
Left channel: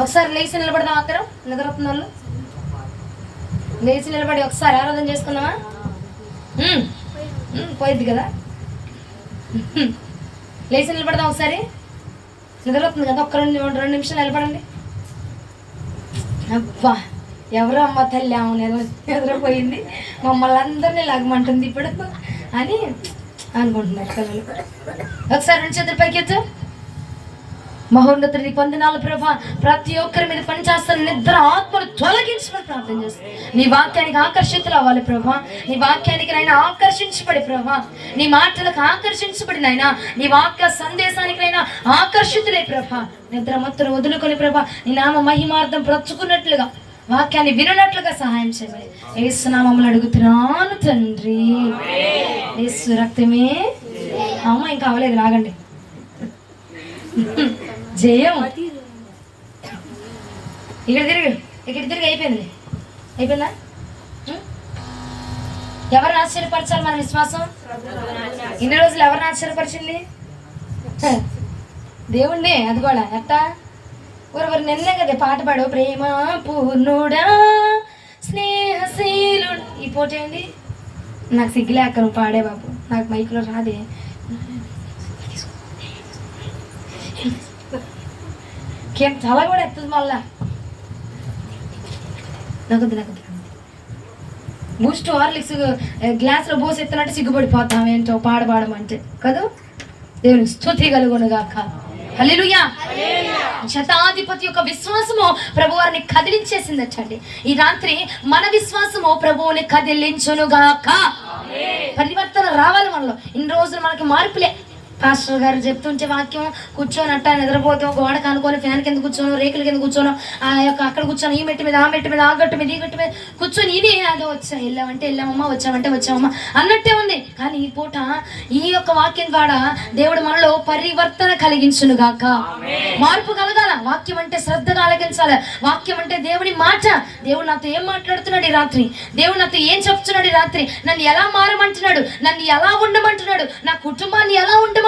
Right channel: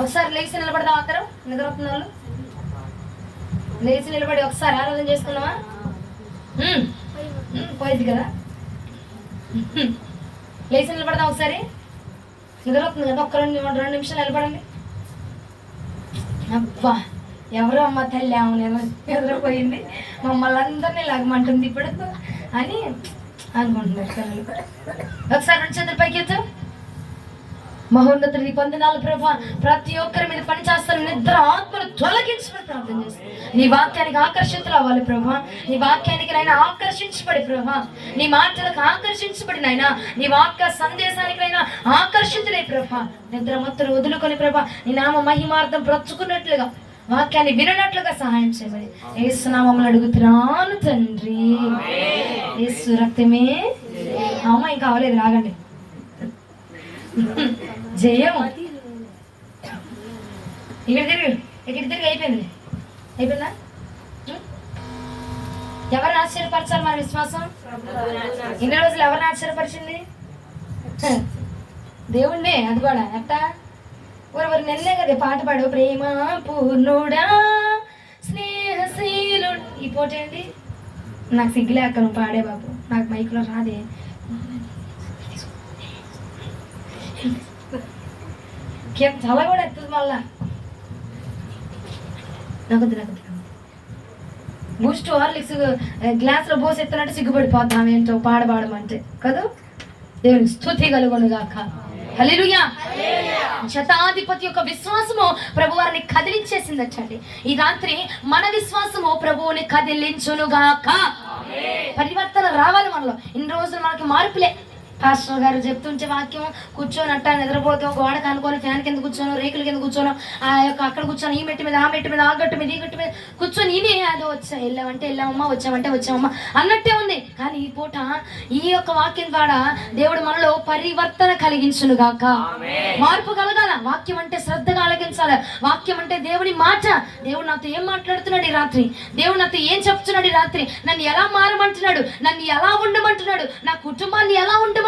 ఒకసారి లేచి నిలబడదాం. అందరం నిద్రపోతున్న వాళ్ళు లేచి నిలబడి ఒకసారి ఆరాధన చేసుకుందామా? పోయిద్ది కదా. లేచి నిలబడదాం. ఒకసారి నిద్రపోతుంది కదా. ఒక్క రెండు నిమిషాలు నిలబడండి. అబ్బా ఎవరో అమ్మ తల్లి ఆమె నిద్రపోయింది, మమ్మల్ని అందరినీ లాగమంటుంది ఇప్పుడు అని అనుకుంటున్నారు పిల్లలు. ఒకసారి రెండు చేతులు పైకెత్తు. మహోన్నతుడి కొందనాలు ప్రభా, ప్రతి ఒక్కరి మీద పనిచేస్తున్న నిద్ర ఆత్మను తొలగించమని ప్రార్థన చేస్తాను. నీ వాక్యానికి ఆకర్షితులు అవ్వాలి ప్రభా. నీ వాక్యానికి నైనా ఆకర్షించబడి ప్రభా, నీ మాటలకు ఆకర్షించబడి నైనా, నీ వాక్య సందేశానికైనా ఆకర్షితులే ప్రభా. నిద్ర మత్తును వదులుకొని ప్రభా, నీ నామ మహిమార్థం బ్రతుకున్నట్లుగా, వాక్యాన్ని వినట్లుగా సహాయం చేయమని యేసు నామములో అడుగుతున్నాను తండ్రి. యేసు రక్తమే. అమ్మ ఇంకా అవలేదు, రాగండి. జయం. ఇక్కడ తిరిగి, ఇక్కడ తిరిగి. అయిపోయింది, అయిపోయిందా? ఎవరిని ఆశ్చర్యపరచాలి మన విశ్వాసం? ఇన్ని రోజులు ఎవరిని ఆశ్చర్యపరిచింది? దేవుణ్ణి. అది కూడా ఎట్టా? ఎవరు నిన్నే కదా పాట పాడు, ప్రేమ పూర్ణుడా స్నేహశీలుడు. ఈ పోటీ అండి నాకు సిగ్గులేక నువ్వు పాడే బాబు, నాకు మైకులో రాదే. చాలా కూడా ఎత్తుంది మళ్ళా. నాకు బూస్ట్ హార్లిక్స్ గ్లాస్లో పోసి ఎత్తనంటే సిగ్గుపడిపోతాం ఏంటో పాడమంటే కదా. దేవునికి స్తుతి కలుగును గాక. హల్లెలూయా. శతాధిపతి యొక్క విశ్వాసము ప్రభువారిని కదిలించేసిందటండి. ఈ రాత్రి మన విశ్వాసము ప్రభువుని కదిలించును గాక. పరివర్తన రావాలి మనలో. ఇన్ని రోజులు మనకి మార్పులే. పాస్టర్ గారు చెప్తుంటే వాక్యం కూర్చొని అట్టా నిద్రపోతాం, గోడ కానుకొని ఫ్యాన్ కింద కూర్చోను, రేకుల కింద కూర్చోను, ఆ యొక్క అక్కడ కూర్చొని ఈ మెట్టి మీద, ఆ మెట్టి మీద, ఆ గట్టు మీద, ఈ గట్టు మీద కూర్చొని ఇది అదో వచ్చా వెళ్ళామంటే వెళ్ళామమ్మా, వచ్చామంటే వచ్చామమ్మా అన్నట్టే ఉంది. కానీ ఈ పూట ఈ యొక్క వాక్యం ద్వారా దేవుడు మనలో పరివర్తన కలిగించును గాక. మార్పు కలగాల. వాక్యం అంటే శ్రద్ధగా ఆలకించాలి. వాక్యం అంటే దేవుని మాట. దేవుడు నాతో ఏం మాట్లాడుతున్నాడు ఈ రాత్రి? దేవుడు నాతో ఏం చెప్తున్నాడు ఈ రాత్రి? నన్ను ఎలా మారమంటున్నాడు? నన్ను ఎలా ఉండమంటున్నాడు? నా కుటుంబాన్ని ఎలా ఉండమంటున్నాడు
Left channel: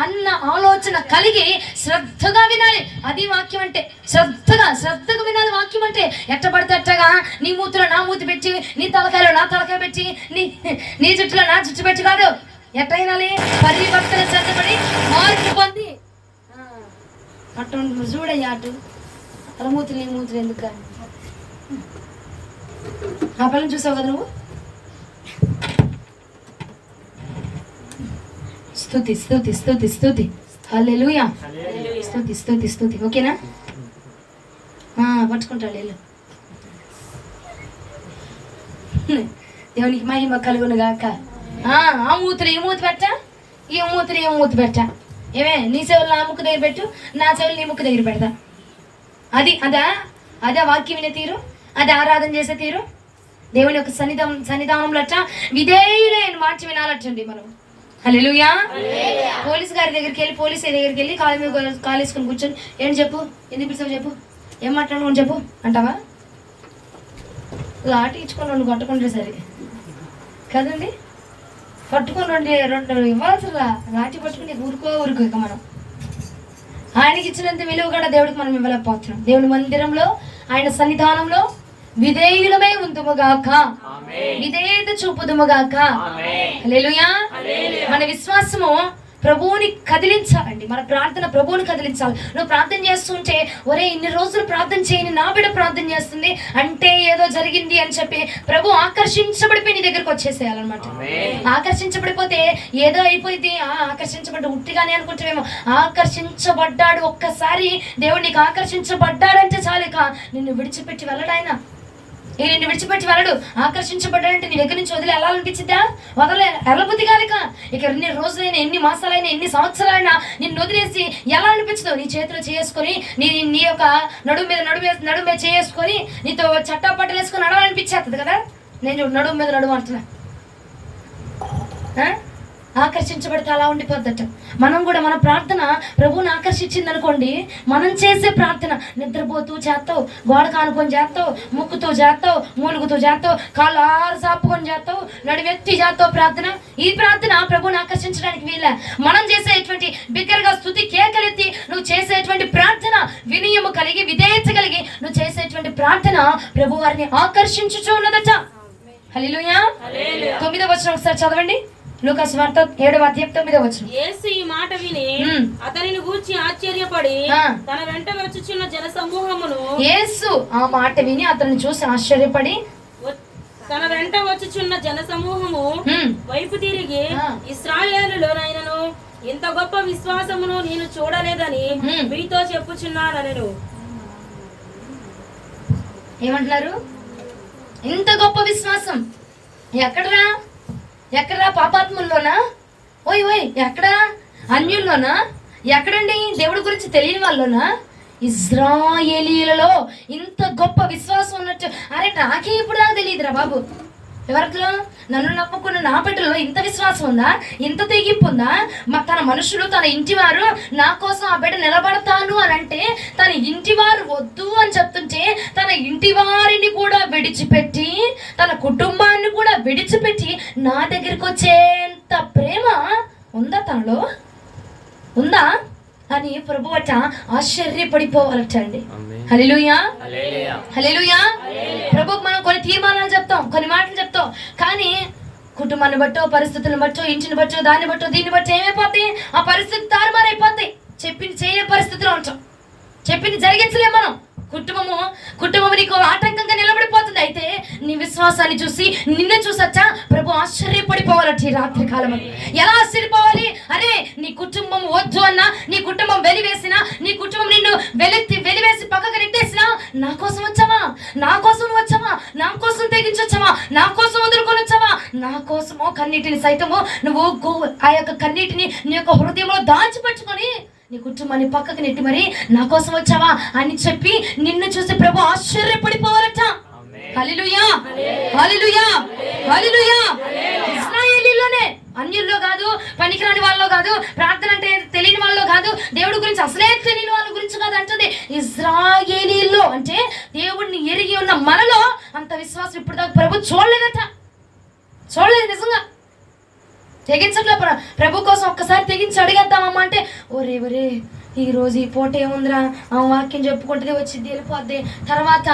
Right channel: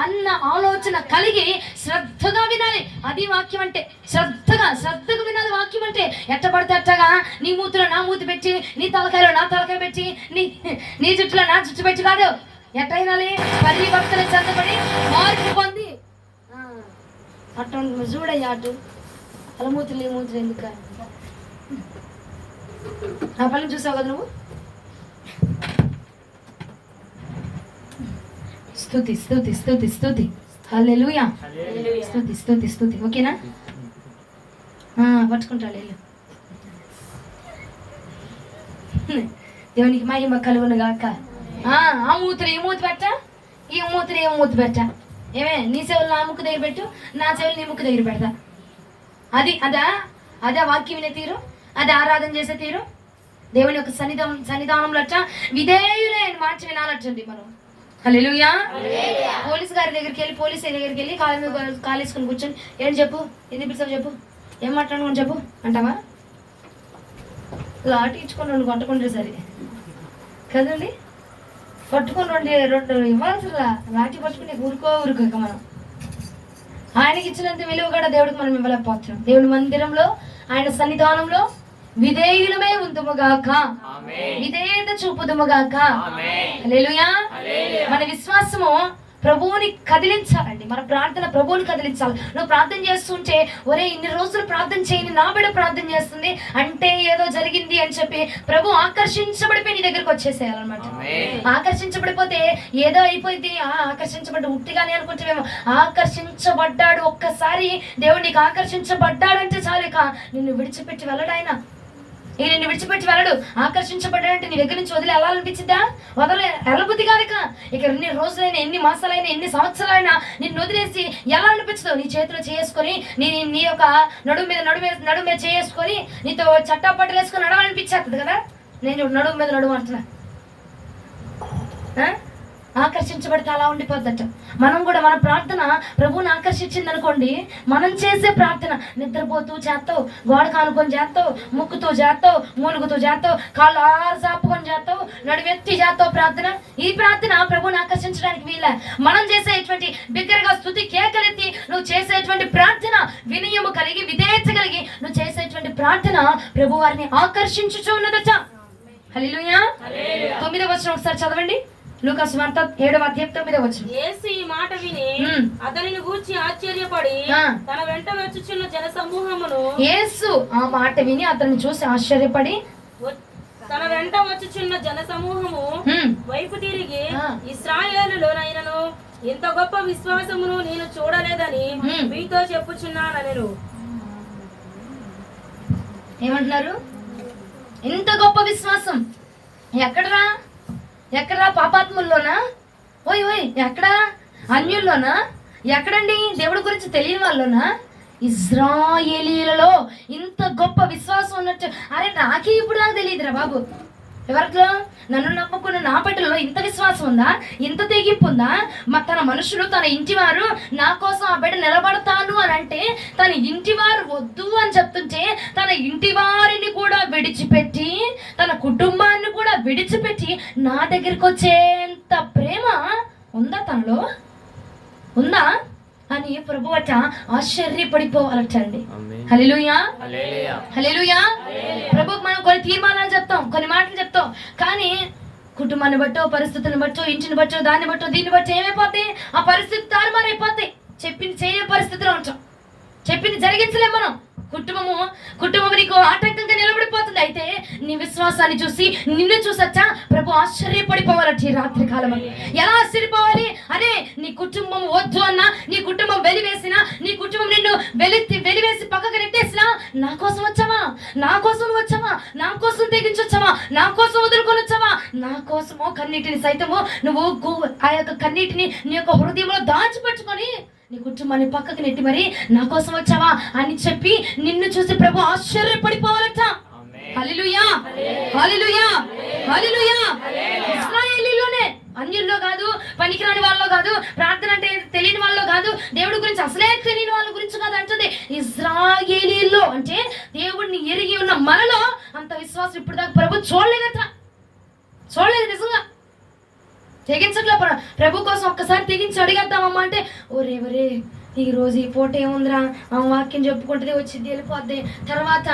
అన్న ఆలోచన కలిగి శ్రద్ధగా వినాలి. అది వాక్యం అంటే. శ్రద్ధగా వినాలి వాక్యం అంటే. ఎట్ట పడితే అట్టగా నీ మూతిలో నా మూతి పెట్టి, నీ తలకాయలో నా తలకాయ పెట్టి, నీ జుట్టులో నా జుట్టు పెట్టి కాదు. ఎట్ట వినాలి? పరివర్తన చెందబడి మార్పు పొంది. అట్ట చూడయ్యా, అటు తల మూతులు నీ మూతులు ఎందుకు? ఆ పిల్లని చూసావు కదా నువ్వు? స్తుతి స్తుతి స్తుతి స్తుతి. హల్లెలూయా. స్తుతి స్తుతి స్తుతి. ఓకేనా? పట్టుకుంటాడు వెళ్ళు. దేవునికి మహిమ కలుగును గాక. ఆ మూతులు ఈ మూతి పెట్టా, ఈ మూతులు ఏ మూతి పెట్టా. ఏమే నీ చెవులు నా ముక్కు దగ్గర పెట్టు, నా చెవులు నీ ముక్కు దగ్గర పెడతా. అదే వాక్యం వినే తీరు, అది ఆరాధన చేసే తీరు. దేవుని యొక్క సన్నిధానంలో అట్లా విధేయులైన మాట వినాలటండి మనం. హల్లెలూయా. పోలీస్ గారి దగ్గరికి వెళ్ళి, పోలీస్ దగ్గరికి వెళ్ళి కాలు వేసుకొని కూర్చొని ఏంటి చెప్పు, ఎందుకు పిలిచావు చెప్పు, ఏం మాట్లాడు చెప్పు అంటావా? లాటి ఇచ్చుకొని రెండు కొట్టుకుంటే సరే కదండి. పట్టుకొని రెండు ఇవ్వాల్సిరా. లాటి పట్టుకుని ఊరుకో మనం. ఆయనకి ఇచ్చినంత విలువ కూడా దేవుడికి మనం ఇవ్వలేకపోతున్నాం. దేవుని మందిరంలో, ఆయన సన్నిధానంలో విధేయులమే ఉందుముగాక, విధేయత చూపుదుముగాక. హల్లెలూయా. మన విశ్వాసము ప్రభువుని కదిలించాలండి. మన ప్రార్థన ప్రభువుని కదిలించాలి. నువ్వు ప్రార్థన చేస్తుంటే ఒరే ఇన్ని రోజులు ప్రార్థన చేయని నా బిడ్డ ప్రార్థన చేస్తుంది అంటే ఏదో జరిగింది అని చెప్పి ప్రభు ఆకర్షించబడిపోయి నీ దగ్గరకు వచ్చేసేయాలన్నమాట. ఆకర్షించబడిపోతే ఏదో అయిపోయింది, ఆకర్షించబడ్డ ఉట్టిగానే అనుకుంటామేమో. ఆకర్షించబడ్డాడు, ఒక్కసారి దేవుడు నీకు ఆకర్షించబడ్డాడంటే చాలు, ఇక నిన్ను విడిచిపెట్టి వెళ్ళడాయన. నిన్ను విడిచిపెట్టి వెళ్ళడు. ఆకర్షించబడ్డాడంటే నీ దగ్గర నుంచి వదిలి వెళ్ళాలనిపించిందా? వెళ్ళబుద్ధి కాదు. ఇక ఎన్ని రోజులైనా, ఎన్ని మాసాలైనా, ఎన్ని సంవత్సరాలైనా నిన్ను వదిలేసి ఎలా అనిపించదు? నీ చేతిలో చేసుకొని నీ యొక్క నడుము మీద చేసుకొని నీతో చట్టా పట్టలు వేసుకొని నడవాలనిపించేస్తుంది కదా. నేను నడుము మీద నడుము అంటున్నా. ఆకర్షించబడితే అలా ఉండిపోద్దట. మనం కూడా మన ప్రార్థన ప్రభువుని ఆకర్షించింది అనుకోండి, మనం చేసే ప్రార్థన నిద్రపోతూ చేస్తావు, గోడ కానుకొని చేస్తావు, ముక్కుతూ చేస్తావు, మూలుగుతూ చేస్తావు, కాళ్ళు ఆరు సాపుకొని చేస్తావు, నడివెత్తి చేస్తావు ప్రార్థన. ఈ ప్రార్థన ప్రభువుని ఆకర్షించడానికి వీలే. మనం చేసేటువంటి బిగ్గరగా స్తుతి కేకలెత్తి నువ్వు చేసేటువంటి ప్రార్థన వినయము కలిగి, విధేయత కలిగి నువ్వు చేసేటువంటి ప్రార్థన ప్రభు వారిని ఆకర్షించుచూ ఉన్నదట. హల్లెలూయా. 9వ వచనం ఒకసారి చదవండి. లూకా సువార్త 7వ అధ్యాయం 9వ వచనం. యేసు ఈ మాట విని అతనిని గూర్చి ఆశ్చర్యపడి తన వెంట వచ్చుచున్న జన సమూహమును, యేసు ఆ మాట విని అతన్ని చూసి ఆశ్చర్యపడి తన వెంట వచ్చుచున్న జన సమూహము వైపు తిరిగి, ఇశ్రాయేలులోనైనను ఇంత గొప్ప విశ్వాసమును నేను చూడలేదని మీతో చెప్పుచున్నానెను. ఏమంటున్నారు? ఇంత గొప్ప విశ్వాసం ఎక్కడరా? పాపాత్ముల్లోనా? ఓయ్ ఎక్కడా? అన్యుల్లోనా? ఎక్కడండి? దేవుడి గురించి తెలియని వాళ్ళలోనా? ఇజ్రాయేలీలలో ఇంత గొప్ప విశ్వాసం ఉన్నట్టు. అరే నాకే ఇప్పుడు దాకా తెలియదురా బాబు. ఎవరిలో? నన్ను నమ్ముకున్న నా బిడ్డల్లో ఇంత విశ్వాసం ఉందా? ఇంత తెగింపు ఉందా? తన మనుషులు, తన ఇంటివారు నా కోసం ఆ బిడ్డ నిలబడతాను అని అంటే, తన ఇంటివారు వద్దు అని చెప్తుంటే తన ఇంటి వారిని కూడా విడిచిపెట్టి, తన కుటుంబాన్ని కూడా విడిచిపెట్టి నా దగ్గరికి వచ్చేంత ప్రేమ ఉందా తనలో? ఉందా అని ప్రభు అట ఆశ్చర్యపడిపోవాలటండి. హల్లెలూయా. హల్లెలూయా. ప్రభుకు మనం కొన్ని తీర్మానాలు చెప్తాం, కొన్ని మాటలు చెప్తాం, కానీ కుటుంబాన్ని బట్టో, పరిస్థితులను బట్టో, ఇంటిని బట్టో, దాన్ని బట్టో, దీన్ని బట్టో ఏమైపోతాయి? ఆ పరిస్థితి తారుమారైపోతాయి. చెప్పింది చేయని పరిస్థితిలో ఉంటాం, చెప్పింది జరిగించలేం మనం. కుటుంబము నీకు ఆటంకంగా నిలబడిపోతుంది. అయితే నీ విశ్వాసాన్ని చూసి, నిన్ను చూసొచ్చా ప్రభు ఆశ్చర్యపడిపోవాలంటే ఈ రాత్రి కాలం. ఎలా ఆశ్చర్యపోవాలి? అరే నీ కుటుంబం వద్దు అన్నా, నీ కుటుంబం వెలివేసినా, నీ కుటుంబం నిన్ను వెలివేసి పక్కకు నెట్టేసినా, నా కోసం వచ్చావా? నా కోసం వచ్చావా? నా కోసం తెగించొచ్చావా? నా కోసం వదులుకొని వచ్చావా? నా కోసమో కన్నీటిని సైతము నువ్వు ఆ యొక్క కన్నీటిని నీ యొక్క హృదయంలో దాచిపెట్టుకొని నీ కుటుంబాన్ని పక్కకు నెట్టి మరి నా కోసం వచ్చావా అని చెప్పి నిన్ను చూసి ప్రభు ఆశ్చర్యపడిపోవాలట. హల్లెలూయా. హల్లెలూయా. హల్లెలూయా. ఇశ్రాయేలీలోనే, అన్యుల్లో కాదు, పనికిరాని వాళ్ళలో కాదు, ప్రార్థన అంటే తెలియని వాళ్ళలో కాదు, దేవుడి గురించి అసలే తెలియని వాళ్ళ గురించి కాదు అంటుంది. ఇశ్రాయేలీల్లో అంటే దేవుడిని ఎరిగి ఉన్న మనలో అంత విశ్వాసం ఇప్పుడు దాకా ప్రభు చూడలేదట. చూడలేదు నిజంగా. తెగించట్లే. ప్రభు కోసం ఒక్కసారి తెగించి అడిగేద్దామమ్మా అంటే, ఒరే ఈ రోజు ఈ పూట ఏముందిరా, వాక్యం చెప్పుకుంటే వచ్చింది వెళ్ళిపోద్ది, తర్వాత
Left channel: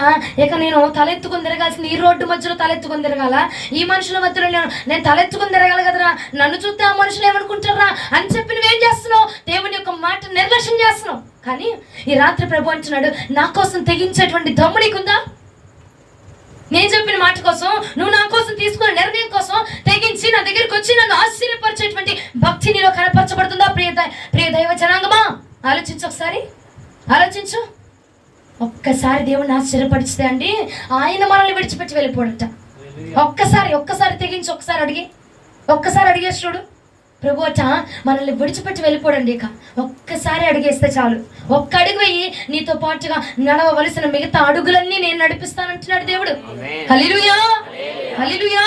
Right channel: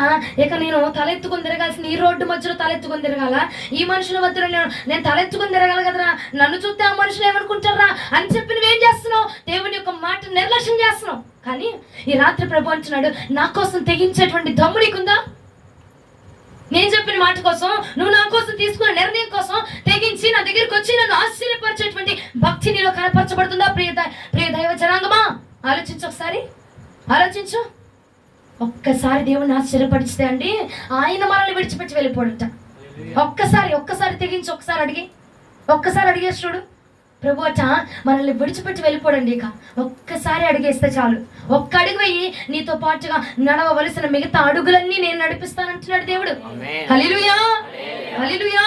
ఇక నేను తలెత్తుకుని తిరగాల్సింది, ఈ రోడ్డు మధ్యలో తలెత్తుకుని తిరగాల, ఈ మనుషుల మధ్యలో నేను తలెత్తుకుని తిరగాలి కదరా, నన్ను చూస్తే ఆ మనుషులు ఏమనుకుంటారా అని చెప్పి నువ్వేం చేస్తున్నావు? దేవుని యొక్క మాట నిర్లక్ష్యం చేస్తున్నావు. కానీ ఈ రాత్రి ప్రభు అంటున్నాడు, నా కోసం తెగించేటువంటి దమ్ము నీకుందా? నేను చెప్పిన మాట కోసం, నువ్వు నా కోసం తీసుకున్న నిర్ణయం కోసం తెగించి నా దగ్గరికి వచ్చి నన్ను ఆశ్చర్యపరిచేటువంటి భక్తి నీలో కనపరచబడుతుందా? ప్రియ దైవ జనాంగమా, ఆలోచించు. ఒకసారి ఆలోచించు. ఒక్కసారి దేవుడిని ఆశ్చర్యపరిచితే అండి ఆయన మనల్ని విడిచిపెట్టి వెళ్ళిపోడట. ఒక్కసారి తెగించి ఒక్కసారి అడిగేసి చూడు. ప్రభు అట మనల్ని విడిచిపెట్టి వెళ్ళిపోడండి. ఇక ఒక్కసారి అడిగేస్తే చాలు. ఒక్క అడుగు వేయి, నీతో పాటుగా నడవవలసిన మిగతా అడుగులన్నీ నేను నడిపిస్తానంటున్నాడు దేవుడు. హల్లెలూయా. హల్లెలూయా.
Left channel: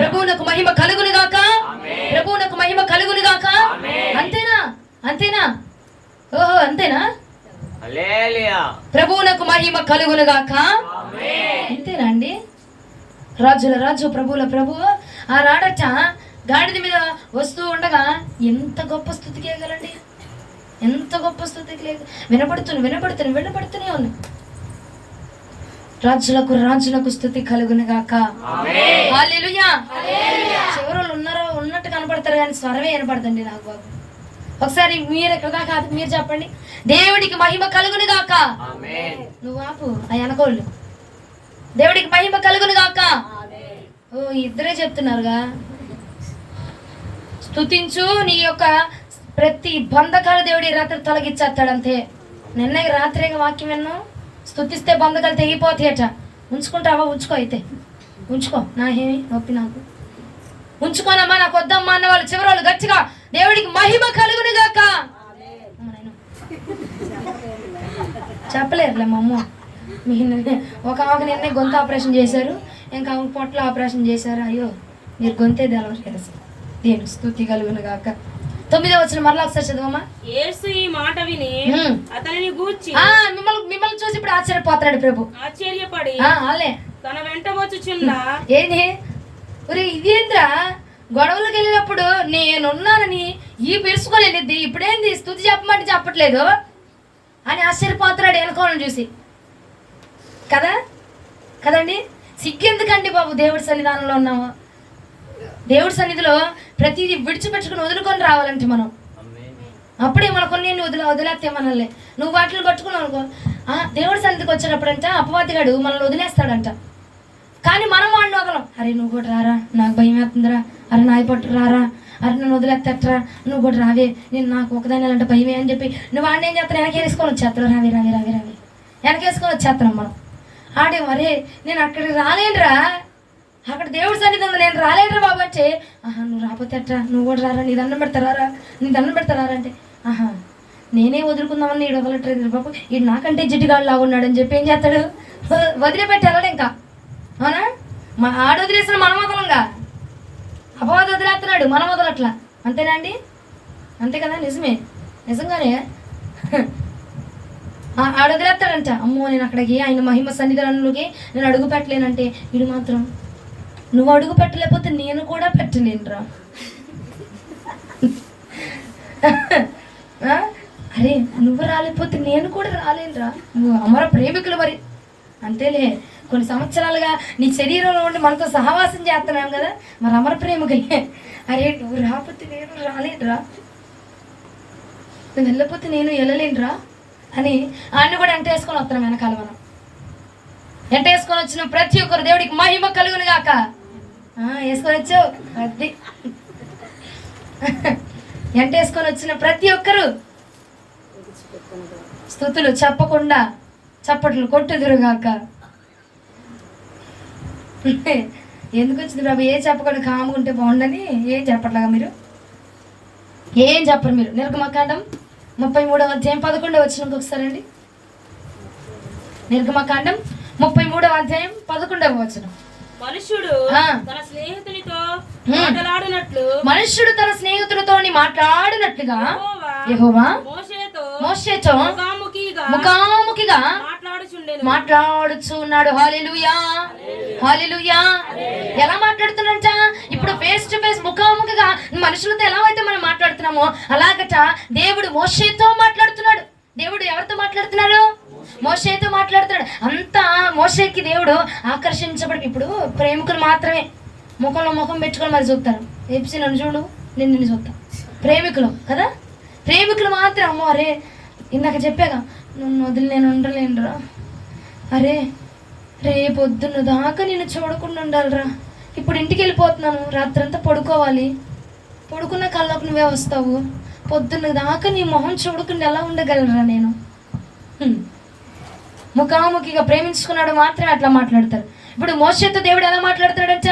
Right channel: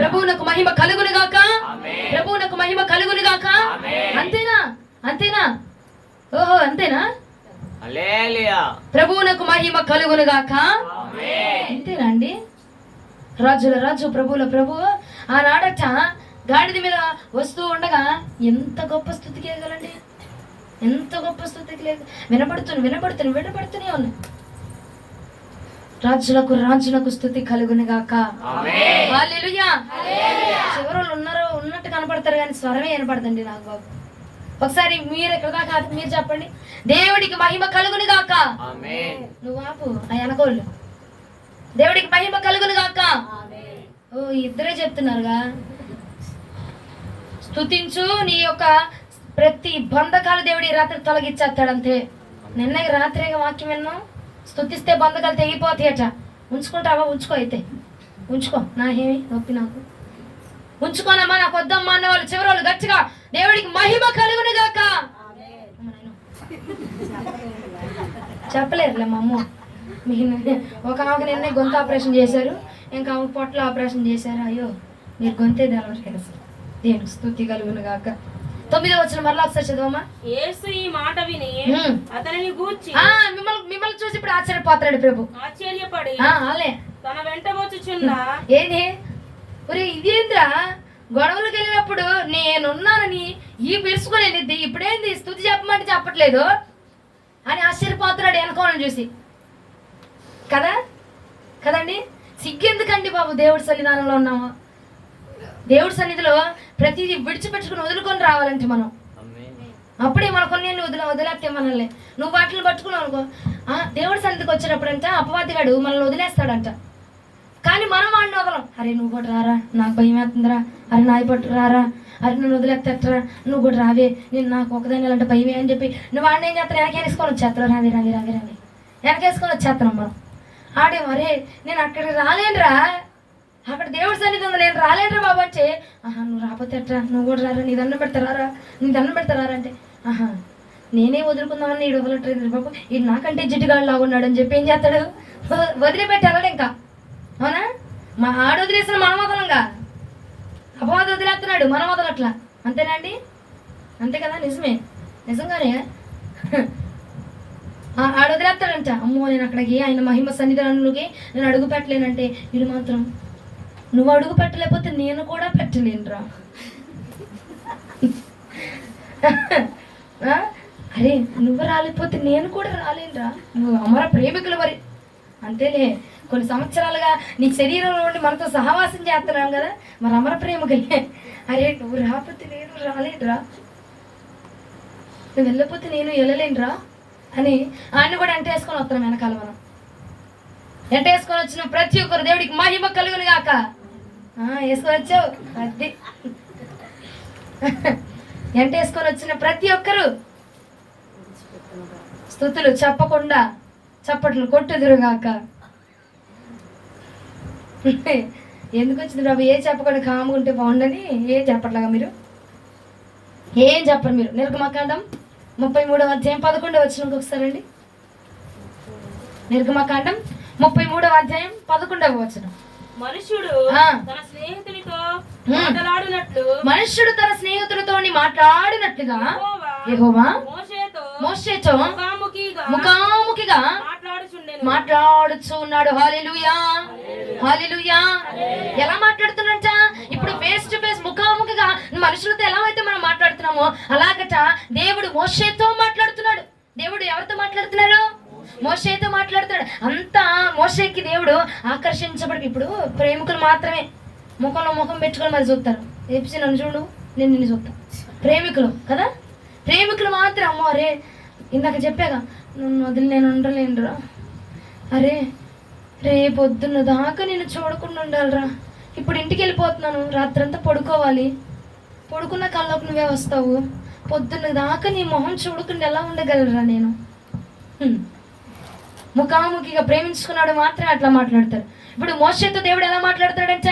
ప్రభువునకు మహిమ కలుగును గాక. ప్రభువునకు మహిమ కలుగును గాక. అంతేనా? ఓహో అంతేనా? ప్రభువునకు మహిమ కలుగును గాక. అంతేనా అండి? రాజుల రాజు, ప్రభువుల ప్రభువు ఆనాడట గాడిద మీద వస్తూ ఉండగా ఎంత గొప్ప స్థుతికి వేయగలండి, ఎంత గొప్ప స్థుతికి లేదు. వినపడుతూనే ఉంది. రాజులకు స్థుతి కలుగును గాక. హల్లెలూయా. చివరలు ఉన్నట్టు కనపడతారు కానీ స్వరమే వినపడదండి నాకు బాబు. ఒకసారి మీరు ఎక్కడా కాదు, మీరు చెప్పండి. దేవుడికి మహిమ కలుగును గాక. నువ్వు ఆపు ఆ వెనకోళ్ళు. దేవుడికి మహిమ కలుగును గాక. ఓ ఇద్దరే చెప్తున్నారుగా. స్తుతించు, నీ యొక్క ప్రతి బంధకాలు దేవుడి రాత్రి తొలగించేస్తాడంతే. నిన్న రాత్రిగా వాక్యం విన్నాం, స్తుతిస్తే బంధకాలు తెగిపోతాయట. ఉంచుకుంటావా? ఉంచుకో, అయితే ఉంచుకో, నాకేమి నొప్పి, నాకు ఉంచుకోనమ్మా, నాకు వద్దమ్మా అన్న వాళ్ళు చివరి వాళ్ళు గట్టిగా దేవుడికి మహిమ కలుగును గాక చెప్పలేరులే మా అమ్మ. ఒక ఆమెకు నిన్నే గొంతు ఆపరేషన్ చేశారు, ఇంకా ఆమె పొట్ల ఆపరేషన్ చేశారు. అయ్యో మీరు గొంతే తెలవరు కదా. దేవుడికి స్తుతి కలుగును గాక. 9వ వచనం మరలా ఒకసారి చదవమ్మా. యేసు ఈ మాట విని అతనిని గూర్చి మిమ్మల్ని చూసి ఇప్పుడు ఆశ్చర్యపోతాడు ప్రభు. ఆశ్చర్యపడి ఆలే తన వెంట వచ్చుచున్న ఏంది ఇదేంద్రా, గొడవలకు వెళ్ళినప్పుడు నేనున్నానని ఈ పిలుచుకోలేనిద్ది, ఇప్పుడేంది స్తుతి చెప్పమంటే చెప్పట్లేదు అని ఆశ్చర్యపోతున్నాడు వెనకోళ్ళని చూసి. కదా కదండి, సిగ్గెందుకండి బాబు? దేవుడి సన్నిధానంలో ఉన్నాము, దేవుడి సన్నిధిలో ప్రతిదీ విడిచిపెట్టుకుని వదులుకొని రావాలంటే మనం. అప్పుడే మన కొన్ని వదిలేస్తే మనల్ని. నువ్వు వాటిని పట్టుకున్నావు అనుకో, దేవుడి సన్నిధికి వచ్చేటప్పుడంట అపవాదిగాడు మనల్ని వదిలేస్తాడంట. కానీ మనం వాడిని వదలం. అరే నువ్వు కూడా రారా, నాకు భయం వేస్తుందిరా, అరే నాయ పట్టు రారా, అరే నేను వదిలేస్తరా, నువ్వు కూడా రావే, నేను నాకు ఒకదాని అంటే భయమే అని చెప్పి నువ్వు వాడిని ఏం చేస్తాను, వెనకేసుకొని వచ్చేస్తాను, రావే రావే రావే రావే వెనకేసుకొని వచ్చేస్తాను మనం. ఆడే అరే నేను అక్కడికి రాలేనురా, అక్కడ దేవుడి సన్నిధి ఉంది, నేను రాలేనురా బాబు అంటే, నువ్వు రాకపోతే అట్రా, నువ్వు కూడా రారా, నీ దండం పెడతారా, నీ దండం పెడతారా అంటే, నేనే వదులుకుందామని ఈడు వదలట్లేదు బాబు, ఈడు నాకంటే జిడ్డుగాడు లాగున్నాడు అని చెప్పి ఏం చేస్తాడు, వదిలిపెట్టాడు ఇంకా. అవునా? మా ఆడు వదిలేసిన మనం వదలంగా, అపవాదం వదిలేస్తున్నాడు, మనం వదలట్లా. అంతేనా అండి? అంతే కదా, నిజమే, నిజంగానే ఆడు వదిలేస్తాడంట. అమ్మో నేను అక్కడికి ఆయన మహిమ సన్నిధానంలోకి నేను అడుగు పెట్టలేనంటే, వీడు మాత్రం నువ్వు అడుగు పెట్టలేకపోతే నేను కూడా పెట్టలేనురా. అరే నువ్వు రాలేకపోతే నేను కూడా రాలేనురా. అమర ప్రేమికులు మరి, అంతేలే. కొన్ని సంవత్సరాలుగా నీ శరీరంలో ఉండి మనతో సహవాసం చేస్తున్నావు కదా, మరి అమర ప్రేమికులే. అరే నువ్వు రాకపోతే నేను రాలేనురా, నువ్వు వెళ్ళకపోతే నేను వెళ్ళలేనురా అని ఆయన కూడా ఎంటేసుకొని వస్తున్నాం వెనకాల. మనం ఎంటేసుకొని వచ్చిన ప్రతి ఒక్కరు దేవుడికి మహిమ కలుగును గాక. వేసుకొని వచ్చావు అది ఎంటేసుకొని వచ్చిన ప్రతి ఒక్కరు స్తుతులు చెప్పకుండా చప్పట్లు కొట్టుదురుగాక. ఎందుకు వచ్చింది బాబు? ఏం చెప్పకుండా కాముకుంటే బాగుండని ఏం చెప్పట్లేగా మీరు? ఏం చెప్పరు మీరు. నిర్గమకాండం 33వ అధ్యాయం 11వ వచనం ఒకసారి అండి. నిర్గమకాండం 33వ అధ్యాయం 11వ వచనం. మనుష్యుడు తన స్నేహితునితో మాట్లాడినట్లుగా యెహోవా మోషేతో ముఖాముఖిగా మాట్లాడుచున్నాడు. హల్లెలూయా, హల్లెలూయా. ఎలా మాట్లాడుతున్నాడంట? ఇప్పుడు ఫేస్ టు ఫేస్ ముఖాముఖిగా మనుషులతో ఎలా అయితే మనం మాట్లాడుతున్నామో అలాగట దేవుడు మోషేతో మాట్లాడుతున్నాడు. దేవుడు ఎవరితో మాట్లాడుతున్నాడు? మోషేతో మాట్లాడుతున్నాడు. అంతా మోషేకి దేవుడు ఆకర్షించబడి, ఇప్పుడు ప్రేమికులు మాత్రమే ముఖంలో ముఖం పెట్టుకొని మరి చూస్తారు. ఏపిసి నన్ను చూడు, నేను నిన్ను చూస్తా. ప్రేమికులు కదా, ప్రేమికులు మాత్రం. అమ్మో అరే ఇందాక చెప్పాగా, నన్ను వదిలి నేను ఉండలేనురా, అరే రేపొద్దున్న దాకా నేను చూడకుండా ఉండాలిరా, ఇప్పుడు ఇంటికి వెళ్ళిపోతున్నాను, రాత్రంతా పడుకోవాలి, పడుకున్న కళ్ళకు నువ్వే వస్తావు, పొద్దున్న దాకా నీ మొహం చూడకుండా ఎలా ఉండగలరా నేను? ముఖాముఖిగా ప్రేమించుకున్నాడు మాత్రం అట్లా మాట్లాడతారు. ఇప్పుడు మోషేతో దేవుడు ఎలా మాట్లాడతాడంట?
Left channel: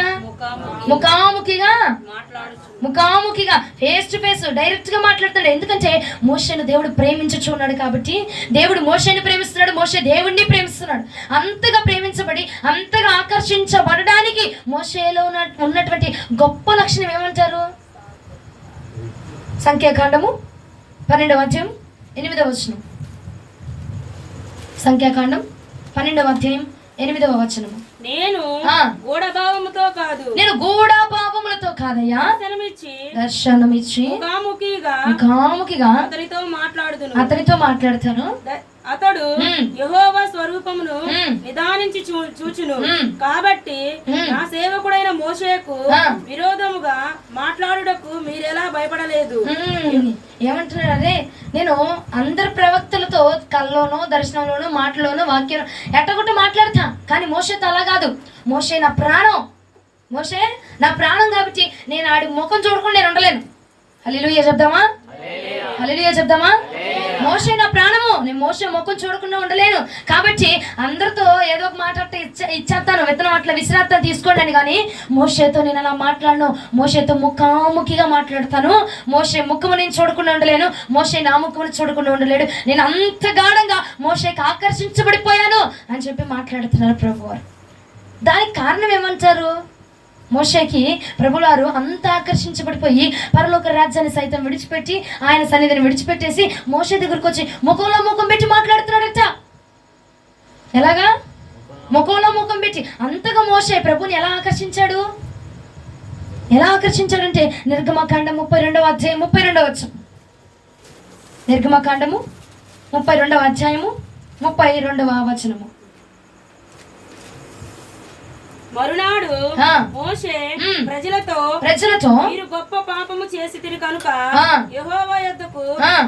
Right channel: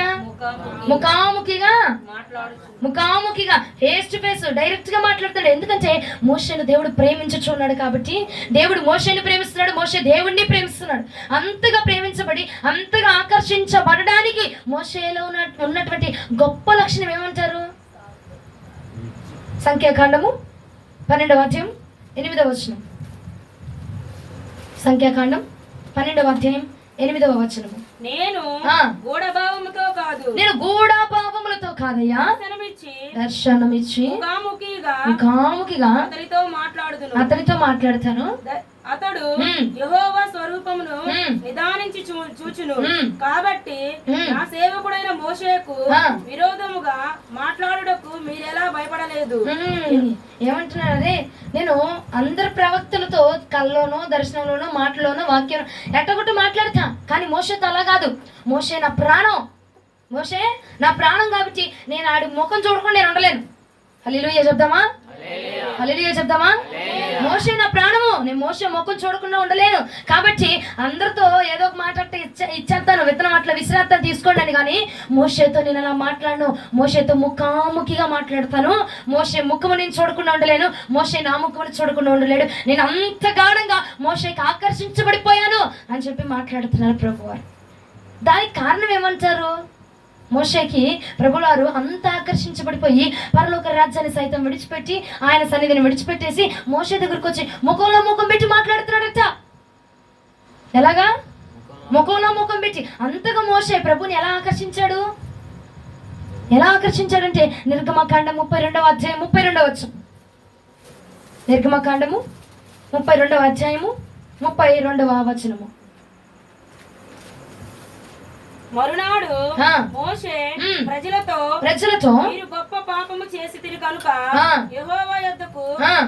ముఖాముఖిగా ఫేస్ టు ఫేస్ డైరెక్ట్ గా మాట్లాడతాడు. ఎందుకంటే మోషేను దేవుడు ప్రేమించుచున్నాడు కాబట్టి, దేవుడు మోషేని ప్రేమిస్తున్నాడు, మోషే దేవుడిని ప్రేమిస్తున్నాడు. అంతగా ప్రేమించబడి అంతగా ఆకర్షించబడడానికి మోషేలో ఉన్నటువంటి గొప్ప లక్షణం ఏమంటారు? సంఖ్యాకాండము 12వ అధ్యాయం 8వ వచనం. సంఖ్యాకాండం 12వ అధ్యాయం 8వ వచనము. నేను గూఢభావముతో కాదయ్యా, దర్శనమిచ్చి ముఖాముఖిగా అతనితో మాట్లాడుతాను. అతడు యెహోవా స్వరూపమును నిదానించి చూచును. కాబట్టి నా సేవకుడైన మోషేకు విరోధముగా మాట్లాడుటకు మీరెలా భయపడలేదు? ఏమంటున్నాడు, అదే నేను అందరు ప్రవక్తలతో కల్లోనో దర్శనంలోనో మాటలోనో వాక్యం ఎట్టగొట్టి మాట్లాడతా, కానీ మోషేతో అలా కాదు. మోషే నా ప్రాణం, మోషే నా ప్రాణం కాబట్టి నేను ఆడి ముఖం చూడకుండా నేను ఉండలేను. హల్లెలూయా చెప్దామా, హల్లెలూయా చెప్దామా. మోషే నా ప్రాణము, నేను మోషే ముఖం చూడకుండా ఉండలేను కాబట్టి అందరితో ఏదో ఒక మాట ఇచ్చేస్తాను, విత్తనం అట్లా విసిరేస్తాను తీసుకోండి అని. కానీ మోషేతో నేను అలా మాట్లాడను, మోషేతో ముఖాముఖిగా మాట్లాడతాను. మోషే ముఖము నేను చూడకుండా ఉండలేను, మోషే నా ముఖమును చూడకుండా ఉండలేడు. నేను అంత గాఢంగా మోషేకి ఆకర్షించబడిపోయాను అని చెప్పి మాట్లాడుతున్నారు ప్రభువారు. దానికి కారణం ఏమంటారు? మోషేకి ప్రభువారు అంత ఆకర్షించబడిపోయి పరలోక రాజ్యాన్ని సైతం విడిచిపెట్టి ఆయన సన్నిధిని విడిచిపెట్టేసి మోషే దగ్గరకు వచ్చి ముఖంలో ముఖం పెట్టి మాట్లాడుతున్నాడట. ఎలాగా? ముఖంలో ముఖం పెట్టి. అంతగా మోషే ప్రభుని ఎలా ఆకర్షించాడు? ఎలా ఆకర్షించాడంటే నిర్గమకాండం 32వ అధ్యాయం 32వ వచనం. నిర్గమకాండము 32వ అధ్యాయము 32వ వచనము. మరునాడు మోషే ప్రజలతో మీరు గొప్ప పాపము చేసితిరి కనుక యెహోవా యొద్దకు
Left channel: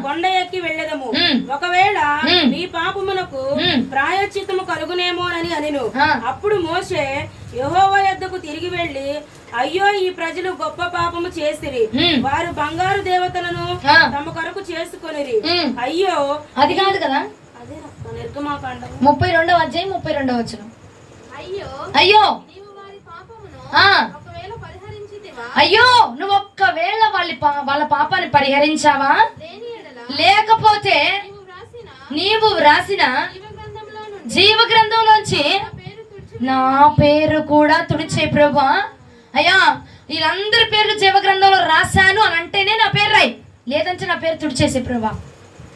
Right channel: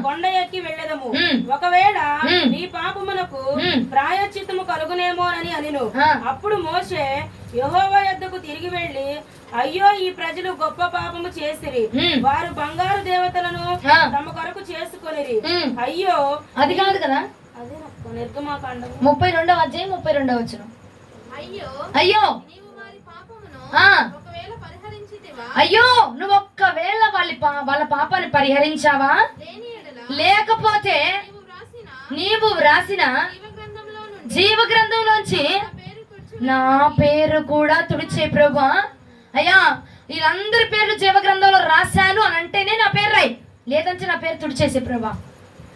కొండ ఎక్కి వెళ్ళెదము, ఒకవేళ మీ పాపమునకు ప్రాయశ్చిత్తము కలుగునేమోనని అనెను. అప్పుడు మోషే యెహోవా యొద్దకు తిరిగి వెళ్ళి, అయ్యో ఈ ప్రజలు గొప్ప పాపము చేసిరి, వారు బంగారు దేవతలను తమ కొరకు చేసుకొనిరి. అయ్యో అది కాదు కదా, అదే నిర్గమకాండం 32వ అధ్యాయం 32వ వచనం. అయ్యో అయ్యో నువ్వు ఒక్కవేళ వాళ్ళ పాపాన్ని పరిహరించావా, లేకపోతే నీవు వ్రాసిన జీవ గ్రంథంలోంచి నా పేరు కూడా తుడిచే ప్రభువా. అయ్యా వీళ్ళందరి పేర్లు జీవ గ్రంథంలో రాశాను అని అంటేనే నా పేరు రాయి, లేదంటే నా పేరు తుడిచేసే ప్రభా.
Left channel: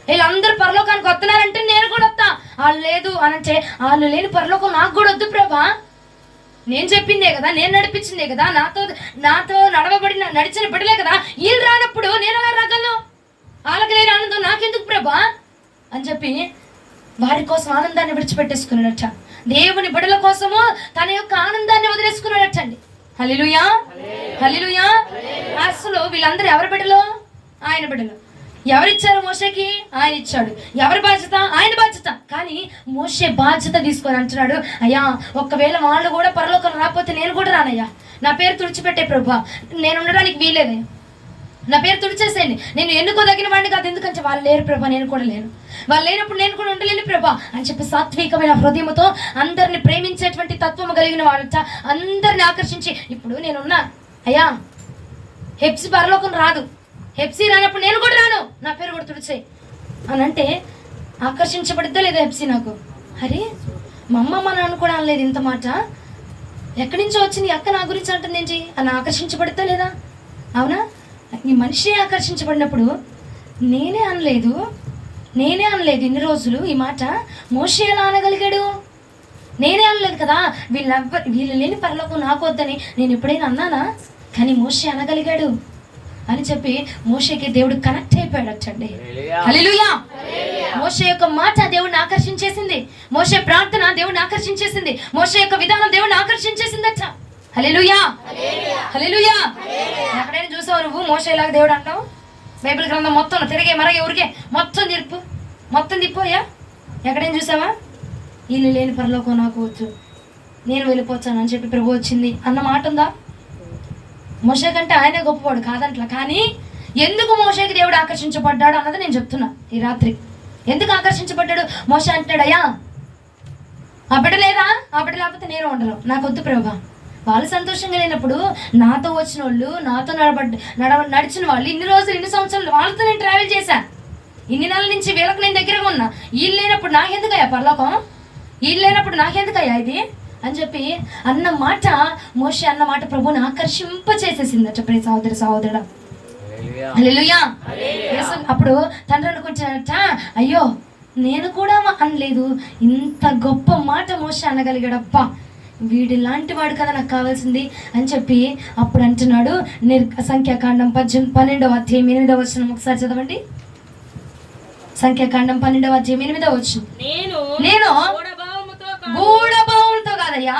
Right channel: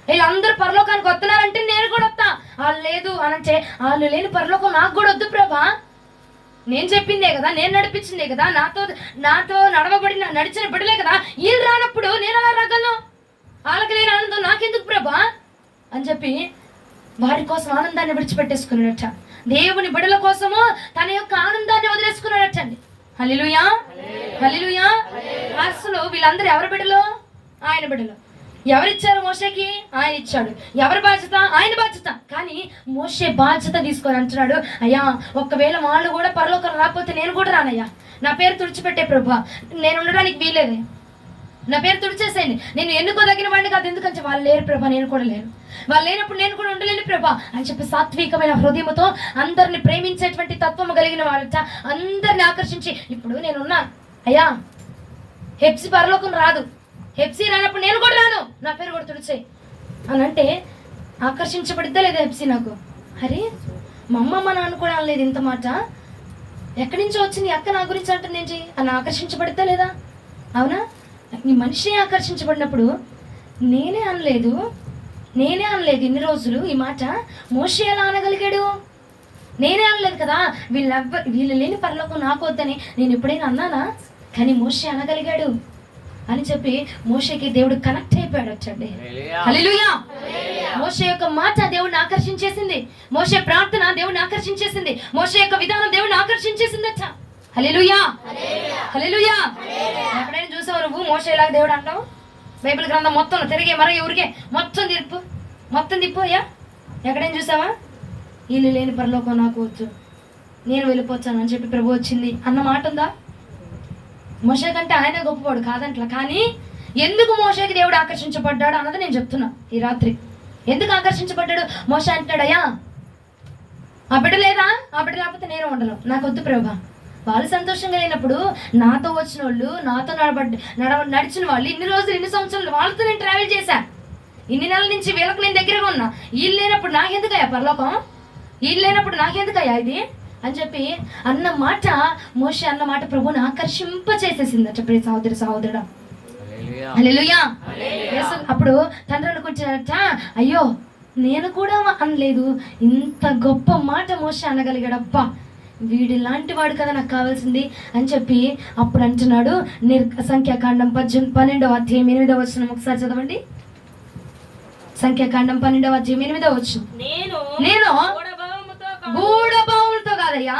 వీళ్ళందరూ పరలోకానికి వస్తున్నారంటే నేను కూడా వస్తా, వాళ్ళు లేదు అని అంటే వాళ్ళు లేని పరలోకం నాకు కూడా వద్దు ప్రభా. నేను చెప్పిందే కదా, నేను నడిపించిందే కదా, నాతో నడిచిన బిడ్డలే కదా, వీళ్ళు రానప్పుడు నేను అలా రాగలను, వాళ్ళకి లేని ఆనందం నాకెందుకు ప్రభా అని చెప్పి వారి కోసం ఆనందాన్ని విడిచిపెట్టేసుకున్నాడట. దేవుని బిడ్డల కోసము తన యొక్క ఆనందాన్ని వదిలేసుకున్నాడటండి. హల్లెలూయా, హల్లెలూయా. అసలు వీళ్ళందరూ ఎవరి బిడ్డలు? ఆయన బిడ్డలు. ఎవరిచ్చారు మోషేకి? ఆయన ఇచ్చాడు. ఎవరి బాధ్యత? ఆయన బాధ్యత. కానీ మోషే బాధ్యత తీసుకొని అంటున్నాడు, అయ్యా ఒక్కవేళ వాళ్ళు కూడా పరలోకం రాకపోతే నేను కూడా రానయ్యా, నా పేరు తుడిచిపెట్టే ప్రభా, నేను ఉండడానికి వీలేదయ్యా, నా పేరు తుడిచేసేయండి. నేను ఎన్నుకోదగిన వాడిని కాదు, ఎందుకంటే వాళ్ళు లేరు ప్రభా, నేను కూడా లేను, వాళ్ళు లేనప్పుడు నేను కూడా ఉండలేను ప్రభా అని చెప్పి సాత్వికమైన హృదయంతో అందరిని ప్రేమించేటువంటి తత్వము కలిగిన వాళ్ళ అందరిని ఆకర్షించి, ఇప్పుడు నేనున్నా అయ్యా హెప్సి పరలోకం రాదు, హెప్సీ రానప్పుడు నేను కూడా రాను, నా పేరు కూడా తుడిచే అని అంటే ఆకర్షించబడిద్దా లేదా హెప్సీ? నాకు అరే మా అమ్మ మా నాన్న కూడా అనలేదు ఇంత మాట, ఎక్కడి నుంచో వచ్చింది అక్క నా గురించి అంటుంది ఏంటి అని ఆకర్షించబడిద్దా లేదా? అవునా? ఈ మనిషి ఆకర్షించబడినప్పుడు నేనే అనలేదు ఇన్ని రోజులు ఈ మాట. మోషే ఎలా అనగలిగాడు? నేనే అనలేదు కదా, వీళ్ళు లేని పరలోకం నాకు వద్దని నేను ఎప్పుడైనా అన్నానా? కానీ మోషే అనగలిగాడు అని చెప్పి మోషేకి దేవుడు కనెక్ట్ అయిపోయాడటండి. హల్లెలూయా. మోషే యొక్క మాట దేవుడిని ఆకర్షించేసింది, మోషే ప్రార్థన దేవుడిని ఆకర్షించేసింది, మోషే యొక్క విధానం దేవుడిని ఆకర్షించేసిందట. హల్లెలూయా, హల్లెలూయా. ఎక్కడైనా చూసావు నువ్వు మోషేలాగా దేవుడు అంటావు? బైబిల్ గ్రంథం మొత్తం తిరిగే మరో ఎవరికే మొత్తం తిప్పోయా, ఎక్కడైనా చూసావా? వీళ్ళు లేని పరలోకం నాకు వద్దు, నేను వెళ్ళిపోతాను అని చెప్పి ప్రభు వచ్చింది అన్న మాట ఉందా? మోషే కంటే ఆయనే గొప్పవాడు కాదంట్లా. కానీ ఎందుకు మోషేకి దేవుడు ఆకర్షించబడ్డాడు అన్నది నేను చెప్తున్నా ఈ రాత్రి. ఎందుకు ఆకర్షించబడ్డాడు? మోషే అంటాడు, అయ్యా ఆ బిడ్డ లేదా, ఆ బిడ్డ లేకపోతే నేను ఉండను, నాకు వద్దు ప్రభా. వాళ్ళు సంతోషంగా లేనప్పుడు నాతో వచ్చిన వాళ్ళు, నాతో నడిచిన వాళ్ళు, ఇన్ని రోజులు ఇన్ని సంవత్సరాలు వాళ్ళతో నేను ట్రావెల్ చేశాను, ఇన్ని నెలల నుంచి వీళ్ళకు నేను దగ్గరగా ఉన్నా, వీళ్ళు లేనప్పుడు నాకెందుకయ్యా పరలోకం, వీళ్ళు లేనప్పుడు నాకెందుకయ్యా ఇది అని చెప్పి అన్న మాట, మోషే అన్న మాట ప్రభుని ఆకర్షింపచేసేసిందట. ప్రియ సహోదరుడా, హల్లెలూయా. అప్పుడు తండ్రి అనుకుంటాడట, అయ్యో నేను కూడా అనలేదు, ఇంత గొప్ప మాట మోషే అనగలిగాడబ్బా, వీడి లాంటి వాడు కదా నాకు కావాల్సింది అని చెప్పి అప్పుడు అంటున్నాడు. సంఖ్యాకాండం 12వ అధ్యాయం 8వ వచనం ఒకసారి చదవండి. సంఖ్యాకాండం 12వ అధ్యాయం 8వ వచనం. నేను గూఢభావంతో కాదయ్యా,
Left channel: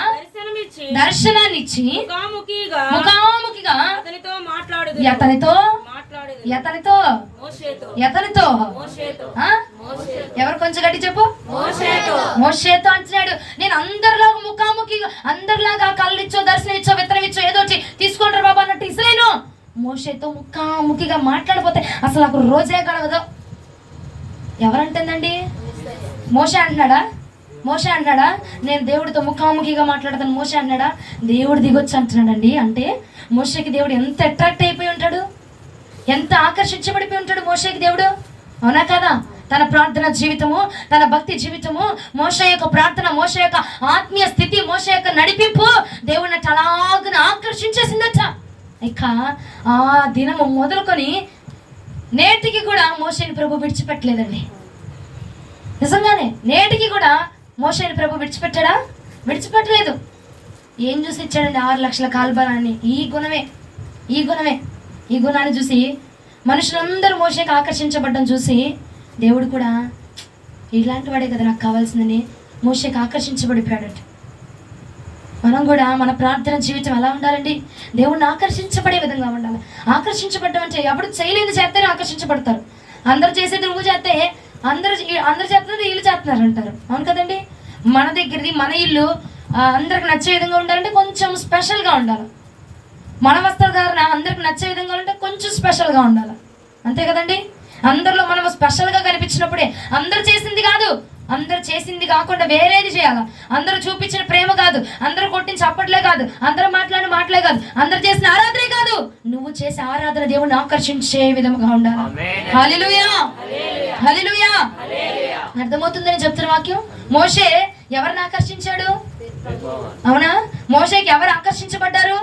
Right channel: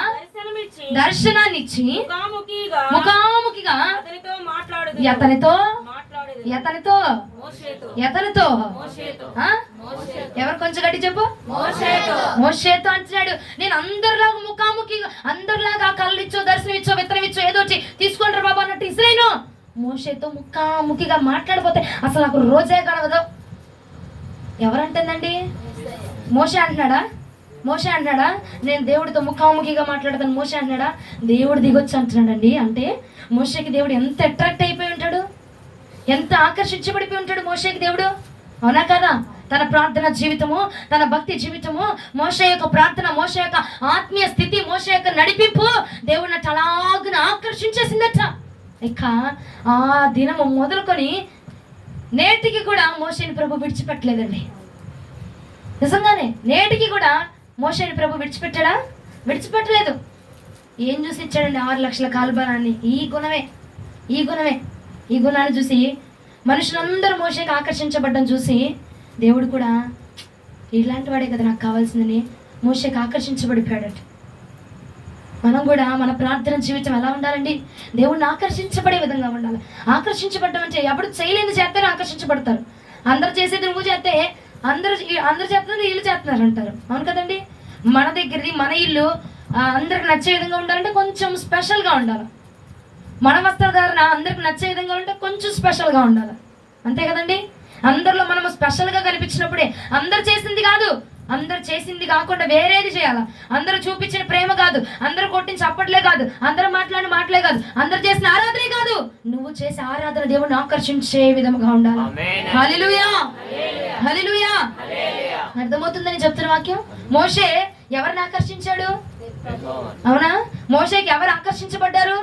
దర్శనాన్ని ఇచ్చి ముఖాముఖిగా అతనితో ఎతనితో ఎతనితో ఆ? ఎవరు కొంచెం గట్టి చెప్పు. మోషేతో అంటున్నాడు, నేను అందరిలాగా ముఖాముఖిగా అందరిలాగా కళ్ళు ఇచ్చో దర్శనం ఇచ్చో విత్తనం ఇచ్చో ఏదో తీసుకుంటారు బాబా అన్నట్టు ఇసలేను. మోషేతో ముఖాముఖిగా మాట్లాడిపోతే అసలు నాకు రోజే గడవదు. ఎవరంటుందండి? మోషే అంటున్నాడా నేను దేవుడితో ముఖాముఖిగా మాట్లాడతాను? మోషే అంటున్నాడా? దేవుడు దిగొచ్చి అంటున్నాడండి. అంటే మోషేకి దేవుడు ఎంత అట్రాక్ట్ అయిపోయి ఉంటాడు, ఎంత ఆకర్షించబడిపోయి ఉంటాడు మోషేకి దేవుడు. అవునా కదా? తన ప్రార్థన జీవితము, తన భక్తి జీవితము, మోషే యొక్క ప్రార్థన, మోషే యొక్క ఆత్మీయ స్థితి, మోషే యొక్క నడిపింపు దేవుడిని అలాగున ఆకర్షించేసిందట. ఇక ఆ దినము మొదలుకొని నేటికి కూడా మోషేని ప్రభు విడిచిపెట్టలేదండి. నిజంగానే నేటికి కూడా మోషేని ప్రభు విడిచిపెట్టాడా? విడిచిపెట్టలేదు. ఏం చూసి ఇచ్చాడండి? 6 లక్షల కాల్బలాన్ని. ఈ గుణాన్ని చూసి మనుషులందరూ మోషేకి ఆకర్షించబడ్డం చూసి దేవుడు కూడా ఇలాంటి వాడే కదా నాకు కావాల్సిందని మోషేకి ఆకర్షించబడిపోయాడు. మనం కూడా మన ప్రార్థన జీవితం ఎలా ఉండాలండి? దేవుడిని ఆకర్షించబడే విధంగా ఉండాలి. ఆకర్షించబడ్డం అంటే ఎప్పుడు చేయలేని చేస్తేనే ఆకర్షించబడతారు. అందరు చేసేది నువ్వు చేస్తే అందరు చేస్తున్నారు, వీళ్ళు చేస్తున్నారు అంటారు. అవును కదండి? మన దగ్గరది మన ఇల్లు అందరికి నచ్చే విధంగా ఉండాలంటే కొంచెం స్పెషల్గా ఉండాలి. మన వస్త్రధారణ అందరికి నచ్చే విధంగా ఉంటే కొంచెం స్పెషల్గా ఉండాలి. అంతే కదండి? అందరిలో మనము స్పెషల్గా కనిపించినప్పుడే అందరు చేసింది కాదు, అందరు చేసింది కాకుండా వేరేది చేయాలి. అందరూ చూపించిన ప్రేమ కాదు, అందరూ కొట్టిన చప్పట్లే కాదు, అందరూ మాట్లాడిన మాటలే కాదు, అందరు చేసిన ఆరాధనే కాదు, నువ్వు చేసే ఆరాధన దేవుణ్ణి ఆకర్షించే విధంగా ఉండాలి. హల్లెలూయా, హల్లెలూయా. అర్థమవుతుందని చెప్తున్న వాక్యం. మోషే ఎవరిని ఆకర్షించాడు? అవునా? మోషేకి ఎవరు ఆకర్షించబడ్డారు?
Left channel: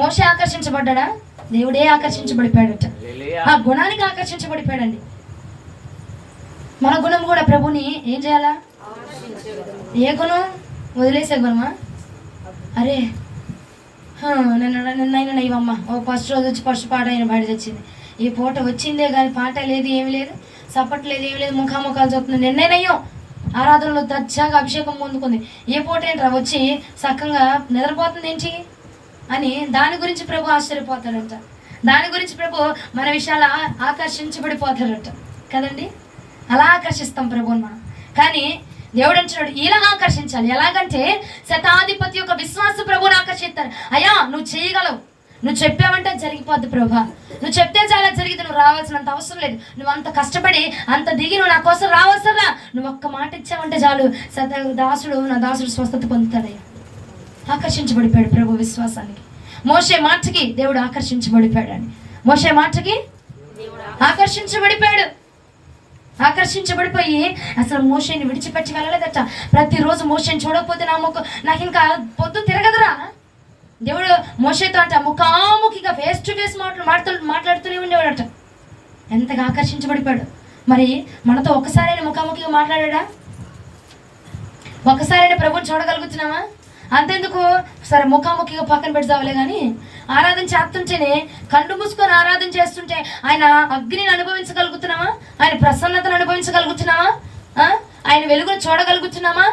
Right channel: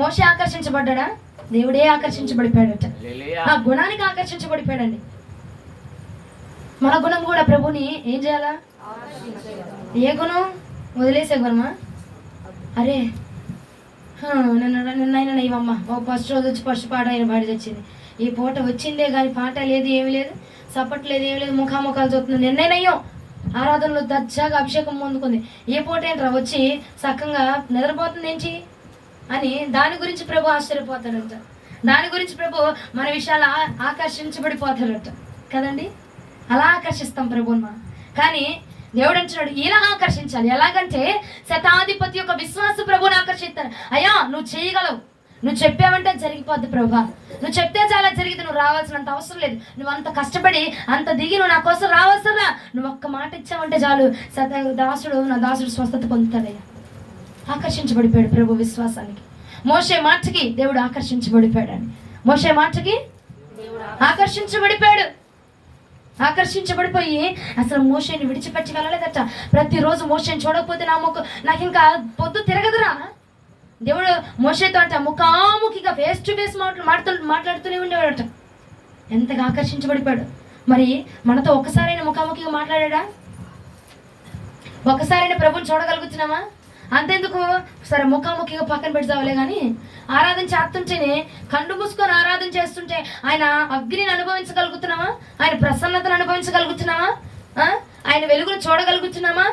మోషే ఆకర్షించబడ్డా? దేవుడే ఆకర్షించబడిపోయాడట. ఆ గుణానికి ఆకర్షించబడిపోయాడండి. మన గుణం కూడా ప్రభుని ఏం చేయాలా? ఏ గుణం? వదిలేసే గుణమా? అరే నిన్న ఇవమ్మ ఓ ఫస్ట్ రోజు వచ్చి ఫస్ట్ పాట అయిన పాట తెచ్చింది. ఈ పూట వచ్చిందే కానీ పాట లేదు, ఏమి లేదు, సపోర్ట్ లేదు, ఏమి లేదు, ముఖాముఖాలు చూస్తుంది. నిన్నయ్యో ఆరాధనలో దచ్చాగా అభిషేకం పొందుకుంది. ఏ పూట ఏంట్రా వచ్చి చక్కగా నిద్రపోతుంది ఏంటి అని దాని గురించి ప్రభు ఆశ్చర్యపోతాడంట. దాని గురించి ప్రభు మన విషయాలు ఆకర్షించబడిపోతాడట కదండి. అలా ఆకర్షిస్తాం ప్రభుని మనం. కానీ దేవుడు అంటున్నాడు ఇలా ఆకర్షించాలి. ఎలాగంటే శతాధిపతి యొక్క విశ్వాస ప్రభుని ఆకర్షిస్తారు. అయ్యా నువ్వు చేయగలవు, నువ్వు చెప్పావంటే జరిగిపోద్ది ప్రభా, నువ్వు చెప్తే చాలా జరిగింది, నువ్వు రావాల్సినంత అవసరం లేదు, నువ్వు అంత కష్టపడి అంత దిగి నువ్వు నా కోసం రావాల్సలా, నువ్వు ఒక్క మాట ఇచ్చావంటే చాలు నా దాసుడు స్వస్థత పొందుతాడయ్యా. ఆకర్షించబడిపోయాడు ప్రభు విశ్వాసానికి. మోషే మాటకి దేవుడు ఆకర్షించబడిపోయాడు. మోషే మాటకి ఆకర్షించబడిపోయి అసలు మోషేని విడిచిపెట్టి వెళ్ళలేదట. ప్రతిరోజు మోషేని చూడకపోతే నాకు ఇంకా పొద్దు తిరగదురా. దేవుడు మోషేతో అంట ముఖాముఖిగా ఫేస్ టు ఫేస్ మాట్లాడుతూనే ఉండేవాడట. ఎంతగా ఆకర్షించబడిపోయాడు. మరి మనతో ఒక్కసారైనా ముఖాముఖిగా మాట్లాడా? ఒక్కసారైనా ప్రభుని చూడగలుగుతున్నావా? అంతెందుకు సరే ముఖాముఖిగా పక్కన పెడతావులే కానీ ఆరాధన చేస్తుంటేనే కళ్ళు మూసుకొని ఆరాధన చేస్తుంటే ఆయన అగ్నిని అనుభవించగలుగుతున్నావా? ఆయన ప్రసన్నతను అనుభవించగలుగుతున్నావా? ఆయన వెలుగును చూడగలుగుతున్నామా?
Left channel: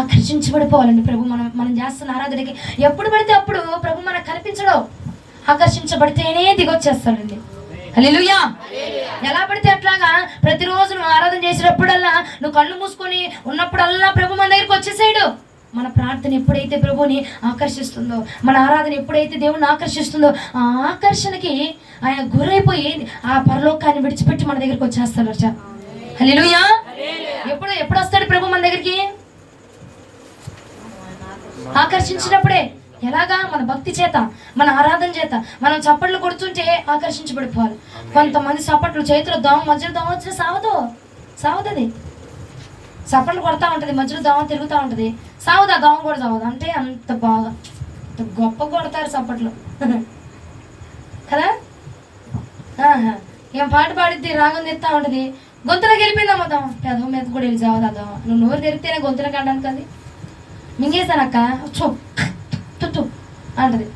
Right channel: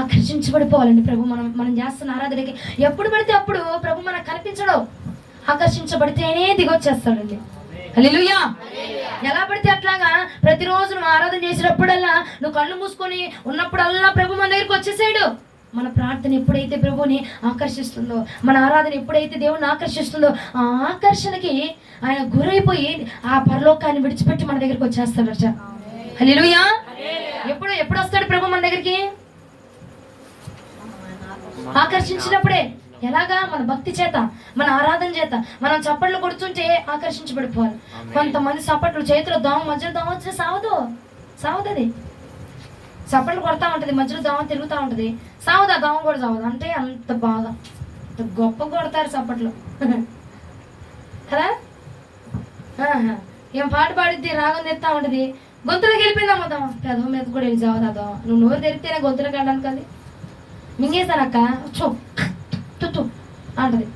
ఆకర్షించబడిపోవాలండి ప్రభు. మనం చేస్తున్న ఆరాధనకి ఎప్పుడు పడితే అప్పుడు ప్రభు మనకు కనిపించడం. ఆకర్షించబడితేనే దిగొచ్చేస్తాడండి. హల్లెలూయా. ఎలా పడితే అట్లాగా ప్రతిరోజు నువ్వు ఆరాధన చేసినప్పుడల్లా నువ్వు కళ్ళు మూసుకొని ఉన్నప్పుడల్లా ప్రభు మన దగ్గరికి వచ్చేసాడు. మన ప్రార్థన ఎప్పుడైతే ప్రభుని ఆకర్షిస్తుందో, మన ఆరాధన ఎప్పుడైతే దేవుని ఆకర్షిస్తుందో, ఆ ఆకర్షణకి ఆయన గురైపోయి ఆ పరలోకాన్ని విడిచిపెట్టి మన దగ్గరికి వచ్చేస్తాడట. హల్లెలూయా. ఎప్పుడు వస్తాడు ప్రభు మన దగ్గరికి? ఆకర్షించినప్పుడే. ఎలాగా? మన భక్తి చేత, మన ఆరాధన చేత. మనం చప్పట్లు కొడుతుంటే ఆకర్షించబడిపోవాలి. కొంతమంది చప్పట్లు చేతిలో మధ్యలో దోమ వచ్చిన సావదది. చప్పట్లు కొడతా ఉంటుంది, మధ్యలో దోమ తిరుగుతూ ఉంటుంది, సావదా దోమ కూడా సావదు. అంటే అంత బాగా అంత గొప్ప కొడతారు చప్పట్లు కదా. ఏం పాట పాడిద్ది, రాగం తెస్తా ఉంటుంది, గొంతులోకి వెళ్ళిపోయిందమ్మా దోమ. పెదవ మీద కూడా వెళ్ళి సావదా దోమ. నువ్వు నోరు తెరిస్తేనే గొంతులోకి అనడానికి అది మింగేస్తానక్క తుత్తు అంటది.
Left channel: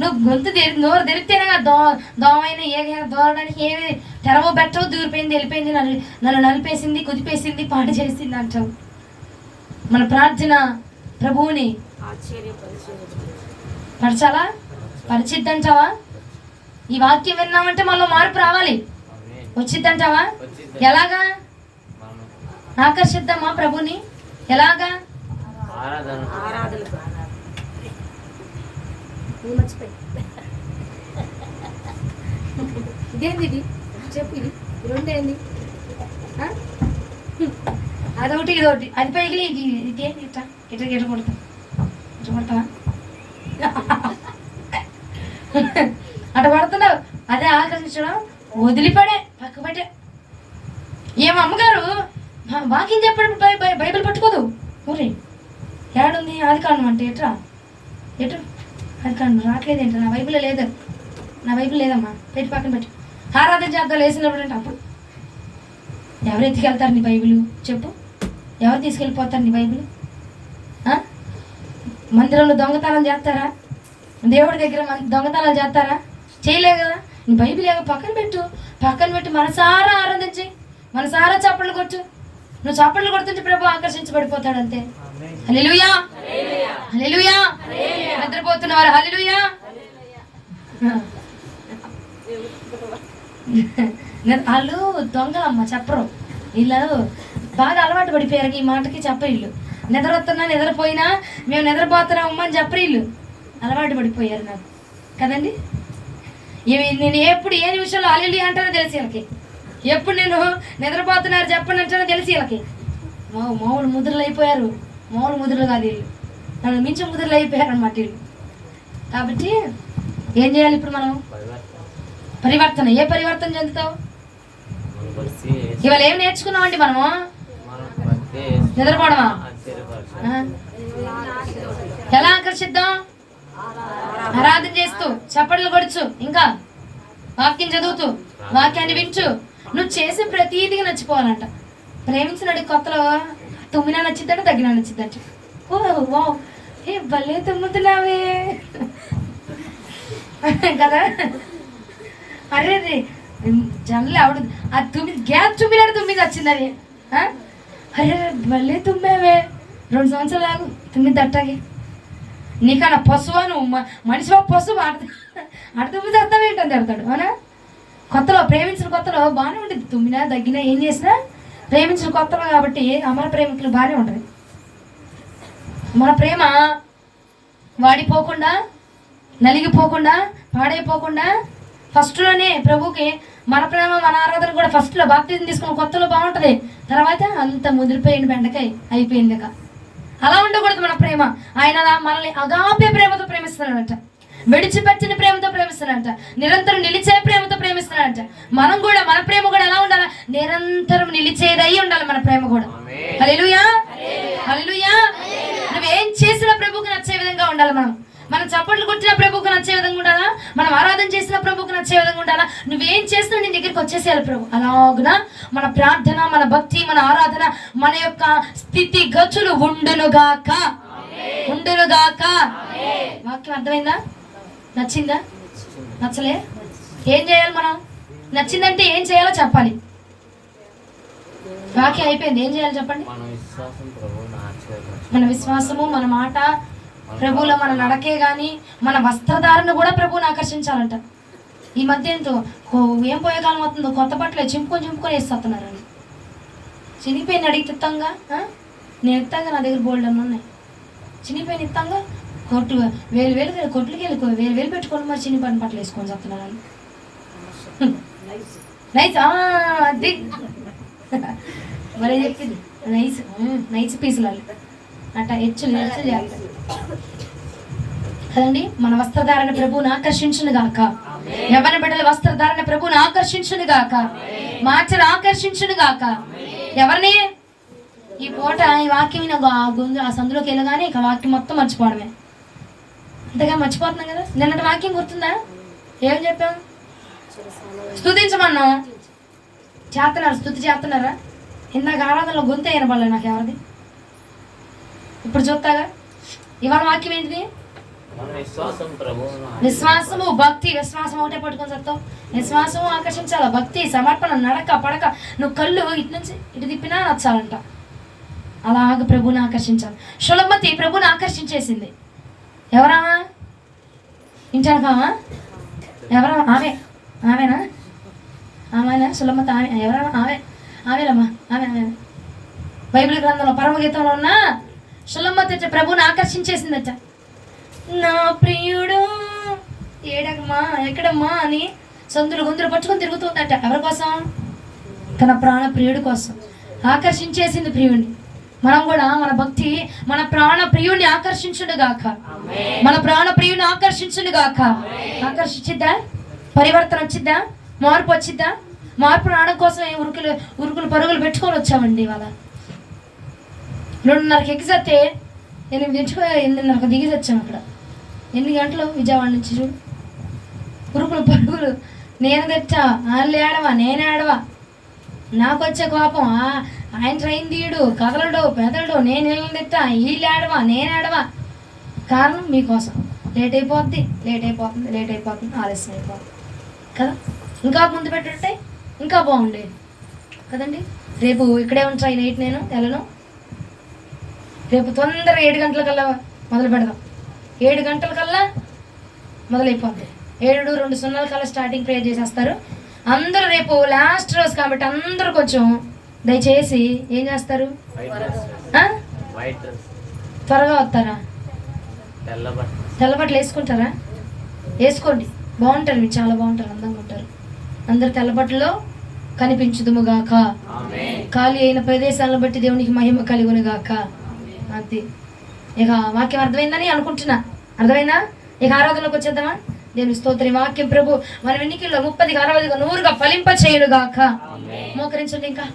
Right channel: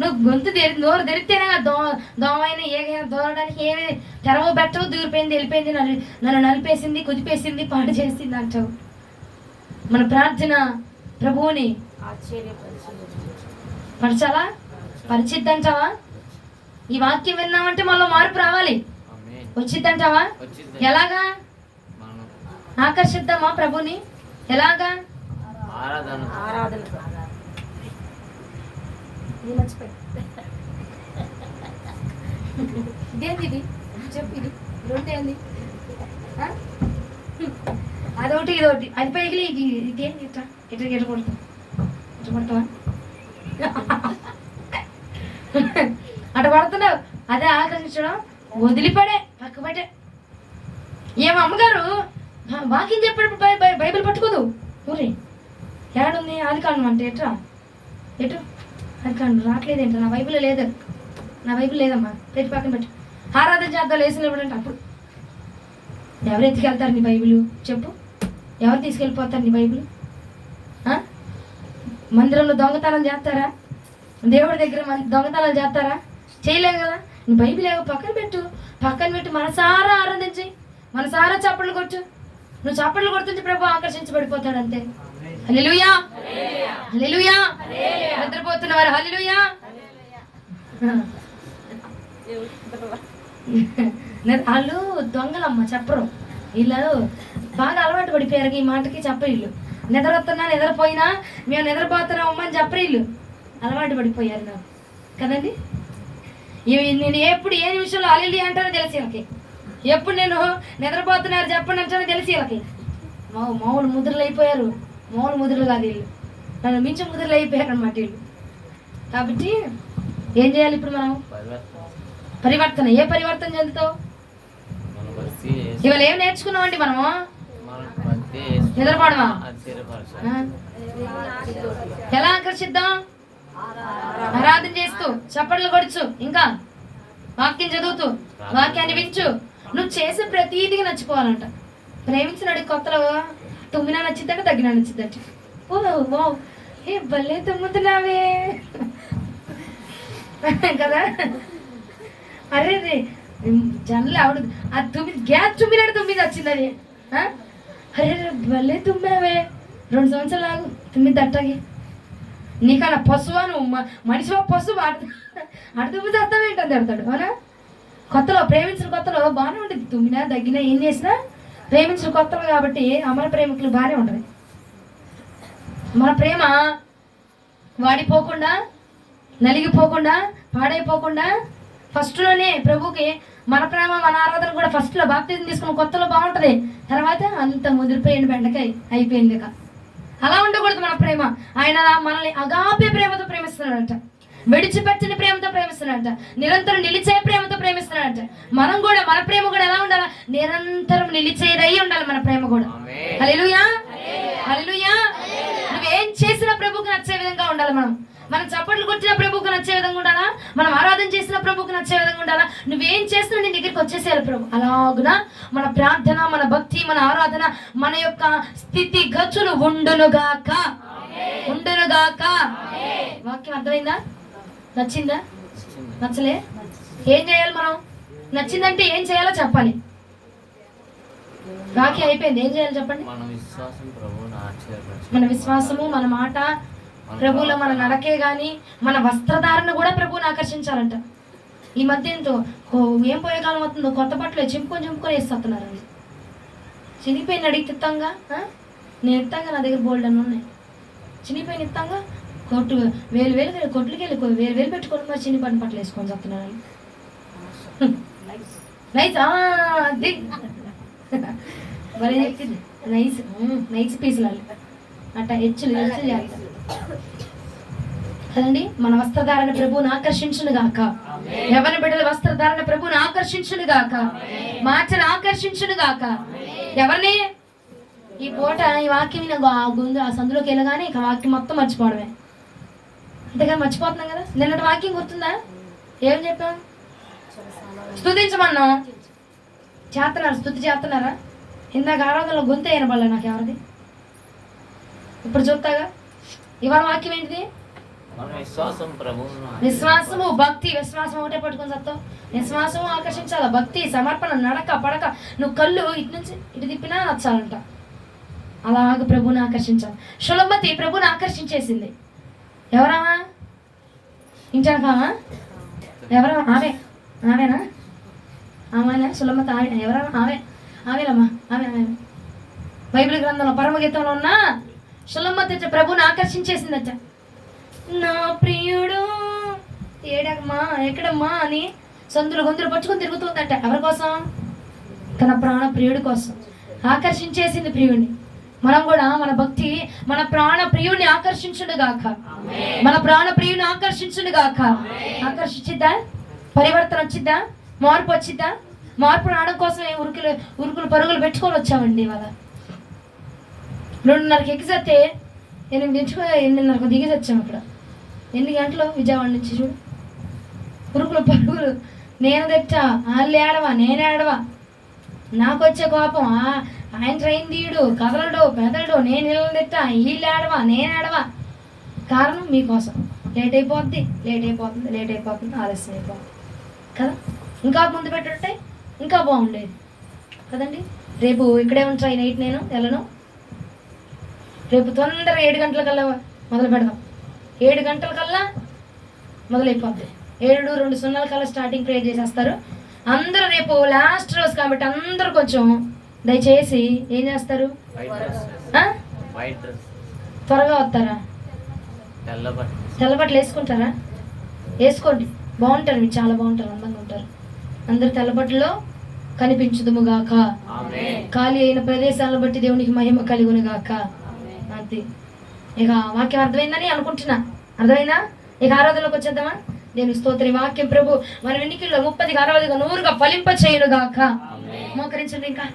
నువ్వు నోరు తెరిస్తేనే దోమైనా ఏదైనా దూరడానికి ఏమి తెరవ పెట్టవు, దూరిపోయింది, వెళ్ళిపోయింది, నన్ను నలిపేసింది, కుదిపేసింది, పాట చేసింది అంటావు. మన ప్రార్థన ప్రభువుని పరచాలా? పరిచిద్దంటావా? ఈ వాక్యం విన్నామంటే మనలో మార్పు రావాలి. వచ్చిద్దంటావా? ఎలాగా ఆకర్షిద్దామా ప్రభుని? ఎలాగా? ఇదేంది ఇది? చెప్పు, ఇది రెండేంది? అదొకటి ఇదొకటి, అది పైకి ఇది ఇదేంటి? ఇట్లా ఇట్లా ఇట్లా కొడతా, ఇట్లా కొడతా అట్లా కొడుతున్నావు. అదే ఆకర్షించడం. వదిలిపడే, పక్క పెట్టే. ఏం అమ్మగారు వాక్యం చెప్పేటప్పుడు బైబిల్ పట్టుకోదు. ఊరి ఏడుంది? అది కారణం అంటే ఎట్రా ఎటు? అది కారణం రావట్లేదేంటి? నా బైబిల్ లేదు, నా బైబిల్ లేదమ్మా, పెట్టి పక్కన పెట్టు. ఆరాధన చేద్దాం లేసినప్పుడు అంటే అప్పుడు ఎవరు ఎత్తుకెళ్తారు నీ బైబిల్? చెప్పు, ఎవరు తీసుకెళ్ళిపోతారు నీ బైబిల్? మందిరంలో దొంగతనం చేస్తారా? దేవుడి దగ్గర దొంగతనాలు చేస్తారా? చేయలేవు కదా. నీ బైబిల్ ఏమో పక్కన పెట్టు, పక్కన పెట్టి మనసారా ఆరాధించి, మనసారా చప్పట్లు కొట్టు. నువ్వు చప్పట్లు కొడుతుంటే ప్రభు ఆకర్షించబడిపోతాడు అంతే. హల్లెలూయా, హల్లెలూయా. నిద్రపోతున్నవారు హల్లెలూయా. వాళ్ళు దొంగలమ్మ, చెప్పరు. వీళ్ళు బాగా అలవాటు పడిపోయారు ఈ మాటకి. చెప్పరు వీళ్ళు. నిద్రొస్తున్నా నిద్రపోయినా మేము నిద్రపోతున్నామమ్మ అని చెప్పరు వీళ్ళు. అలవాటు పడిపోయారు నాకు కదండి. నేను ఎప్పుడు ఏ నిమిషంలో హల్లెలూయా అంటానో తెలిసి వీళ్ళకి. ఎప్పుడు నేను నిద్రపోతున్నారు చెప్పండి అంటానో తెలిసి వీళ్ళకి. మామూలు ముద్రలు అయిపోయారు. మామూలు ముద్రలు కాదు వీళ్ళు, నన్ను మించి ముద్రలు అయిపోయారు అన్నమాట వీళ్ళు. కాబట్టి ఏం చేయాలి ఇప్పుడు మనం? పరివర్తన. ఏ పరివర్తన చెందుతావు? ఇవాళ ఏం నేర్చుకున్నామండి మనము? నిద్రపోవడమా? ఎలా ఆకర్షిద్దాం? ఆరాధన చేస్తూ, చప్పట్లు కొడుచు, ఇంకా వాక్యం చదువుతూ, వాక్యాన్ని వించు. నువ్వు చేసే ప్రతీదిగా నచ్చిపోవాలంట. ప్రేమించినడు కొత్తలో తుమ్మినా నచ్చిద్దంట, తగ్గినా నచ్చిద్దంట. ఓ వావ్, ఏ భలే తుమ్ముతున్నావే కదా. అరే రే జనలు ఆవిడ ఆ గ్యాస్ తుమ్మినాడు, తుమ్మిది వచ్చింది అది. అరే భలే తుమ్మావే, 2 సంవత్సరాలు ఆగు, తుమ్మిది అట్టాగే. నీకన్నా పశువా నువ్వు? మనిషివా పశువు? తుమ్మిది అర్థమేంటని తిడతాడు. అవునా? కొత్తలో ప్రేమించిన కొత్తలో బాగానే ఉంటుంది. తుమ్మినా తగ్గినా ఏం చేసినా ప్రేమించిన కొత్తలో కాబట్టి అమర ప్రేమికులు బాగానే ఉంటుంది. మన ప్రేమ వాడిపోకుండా, నలిగిపోకుండా, పాడైపోకుండా ఫస్ట్లోనే ప్రభుకి మన ప్రేమ, మన ఆరాధన కూడా ఫస్ట్లో బాప్తిజం తీసుకున్న కొత్తలో బాగుంటుంది. తర్వాత అంత ముదిరిపోయిన బెండకాయ అయిపోయింది. అలా ఉండకూడదు మన ప్రేమ. ఆయన మనల్ని అగాపే ప్రేమతో ప్రేమిస్తున్నాడంట, విడిచిపెట్టిన ప్రేమతో ప్రేమిస్తున్నాడంట, నిరంతరం నిలిచే ప్రేమతో ప్రేమిస్తున్నాడంట. మనం కూడా మన ప్రేమ కూడా ఎలా ఉండాలి? నిరంతరం నిలిచేదై ఉండాలి మన ప్రేమ కూడా. హల్లెలూయా, హల్లెలూయా. నువ్వేం చేసినా ప్రభువుకు నచ్చే విధంగా ఉండాలి. మనం చప్పట్లు కొట్టిన ప్రభువుకు నచ్చే విధంగా ఉండాలా? మనం ఆరాధన చేసిన ప్రభువుకు నచ్చే విధంగా ఉండాలా? నువ్వేం చేసినా నీ దగ్గరికి వచ్చేసేయాలి ప్రభు. అలాగున మన ప్రార్థన, మన భక్తి, మన ఆరాధన, మన యొక్క స్థితి గతులు ఉండునుగాక, ఉండునుగాక. వాక్యం అర్థమైందా? నచ్చిందా? నచ్చలే? ఏం చేయాలి మనం? నచ్చిందంటే ఏం చేయాలో చెప్పాలి. వాక్యం అయిపోయింది, ఏం చేయాలి చెప్పండి? మన విశ్వాసము, మన మాట, ప్రభువులో మన నడకే గాని, మన వస్త్రధారణ కూడా ప్రభువుని ఆకర్షించాలంట. ఈ మధ్య ఎంతో ఏం పోయే కాలం అవుతుందో, కొత్త బట్టలే చింపుకొని వేస్తున్నారు. చినిపోయిన అడిగి తిత్తంగా, నేను ఇస్తాగా, నా దగ్గర బోల్డ్ అని ఉన్నాయి. చినిపోయిన ఇస్తాగా కొట్టు వేలు కొట్లకి వెళ్ళి వేలు పెట్టుకొని మరి చినిపోయిన బట్టలు వేసుకొని చెప్తున్నారు. నైస్, అది భలే చెప్పింది. నైస్ నైస్ పీసులు అట్లా హెచ్చులు చేయాలి కదండి. మన వస్త్రధారణ ప్రభువుని ఆకర్షించును గాక. యవ్వన బిడ్డల వస్త్రధారణ ప్రభువుని ఆకర్షించును గాక, మార్చను ఆకర్షించును గాక. ఎవరిని? ఈ పూట ఈ వాక్యం గుందు ఆ సందులోకి వెళ్ళగానే ఇక వాక్యం మొత్తం మర్చిపోవడమే. అంతగా మర్చిపోతున్నాం కదా. నిన్నటి వాక్యం గుర్తుందా? ఏం చెప్పాం? స్తుతించమన్నాం. చేస్తున్నారు, స్తుతి చేస్తున్నారా? ఇందాక ఆరాధనలో గొంతు అయిన పడలే నాకు ఎవరిది. ఇప్పుడు చూస్తాగా. ఇవాళ వాక్యం ఏంటిది? విశ్వాసము, భక్తి. విశ్వాసం ఒకటే పట్టుకొని చెప్తావు. విశ్వాసము ఆకర్షించాల, భక్తి, సమర్పణ, నడక, పడక. నువ్వు కళ్ళు ఇటు నుంచి ఇటు తిప్పినా నచ్చాలంట. అలాగ ప్రభువుని ఆకర్షించాలి. షులమతి ప్రభువుని ఆకర్షించేసింది. ఎవరా? ఇంటాను కామా ఎవరో ఆమెనా ఆమెనా సులమ్మత ఆమె ఎవరన్నా ఆమెలమ్మా ఆమె బైబిల్ గ్రంథంలో పరమగీతంలో ఉన్న సులమ్మత ప్రభుని ఆకర్షించేసిందట. నా ప్రియుడు ఏడమ్మా ఎక్కడమ్మా అని సందులు గొంతులు పట్టుకొని తిరుగుతుందట. ఎవరి కోసం? తన ప్రాణ ప్రియుడి కోసం ఆకర్షించేసింది ప్రియుడిని. మనం కూడా మన భక్తి మన ప్రాణ ప్రియుడిని ఆకర్షించును గాక. మన ప్రాణ ప్రియుడిని ఆకర్షించును గాక. ఆకర్షించిద్దా? పరివర్తన వచ్చిద్దా? మార్పు వచ్చిద్దా? మార్పు రావడం కోసం ఉరుకులు పరుగులు పెట్టుకొని వచ్చామండి. ఇవాళ 2:30కి ఎగ్గితే 8:30కు దిగి వచ్చాము. అక్కడ 8 గంటలు విజయవాడ నుంచి చూడు ఉరుకులు పరుగులు. నేను తెచ్చా వాళ్ళు ఏడవా నేను ఏడవా, నాకు వచ్చే కోపం ఆయన ట్రైన్ తీయడు కదలడు పెదలడు, నేను ఇళ్ళని తెచ్చా వీళ్ళు ఏడవా నేను ఏడవా. కారణం మీకోసం. లేట్ అయిపోద్ది ఆలస్యం అయిపోద్ది కదా. ఇంకా ముందు పెట్టుంటే ఇంకా బాగుండేది కదండి. రేపు ఇక్కడే ఉంచాయి నైట్ నేను వెళ్ళను. రేపు తొందరగా 7 గంటలకల్లా మొదలు పెడదాం. 7 గంటలకల్లా మొదలైపోద్ది. 7:02 కల్లా స్టార్టింగ్ ప్రేయర్ చేసేస్తారు అందరూ. రేపు లాస్ట్ రోజు కాబట్టి అందరూ కొంచెం దయచేసి ఏం చేస్తారు? త్వరగా వస్తారా? తెల్లబట్టలు వేసుకుంటారా? వేసుకోండి, బాగుంటారు, మీరు చాలా బాగుంటారు, అందంగా ఉంటారు. అందరు తెల్లబట్టలో కనిపించుదుముగాక. ఖాళీ అయిన ప్రదేశాలను బట్టి దేవునికి మహిమ కలుగునుగాక. అది ఇక వాక్యం అర్థమైందని అనుకుంటున్నా. అర్థమైందా? ఇక ఆరాధనలోకి వచ్చేద్దామా? దేవుని స్తోత్రం. వాక్యం ప్రభు మన వెన్నికల్లో 30గా 60గా 100గా ఫలింప చేయునుగాక. మోకరించండి ఇంకా.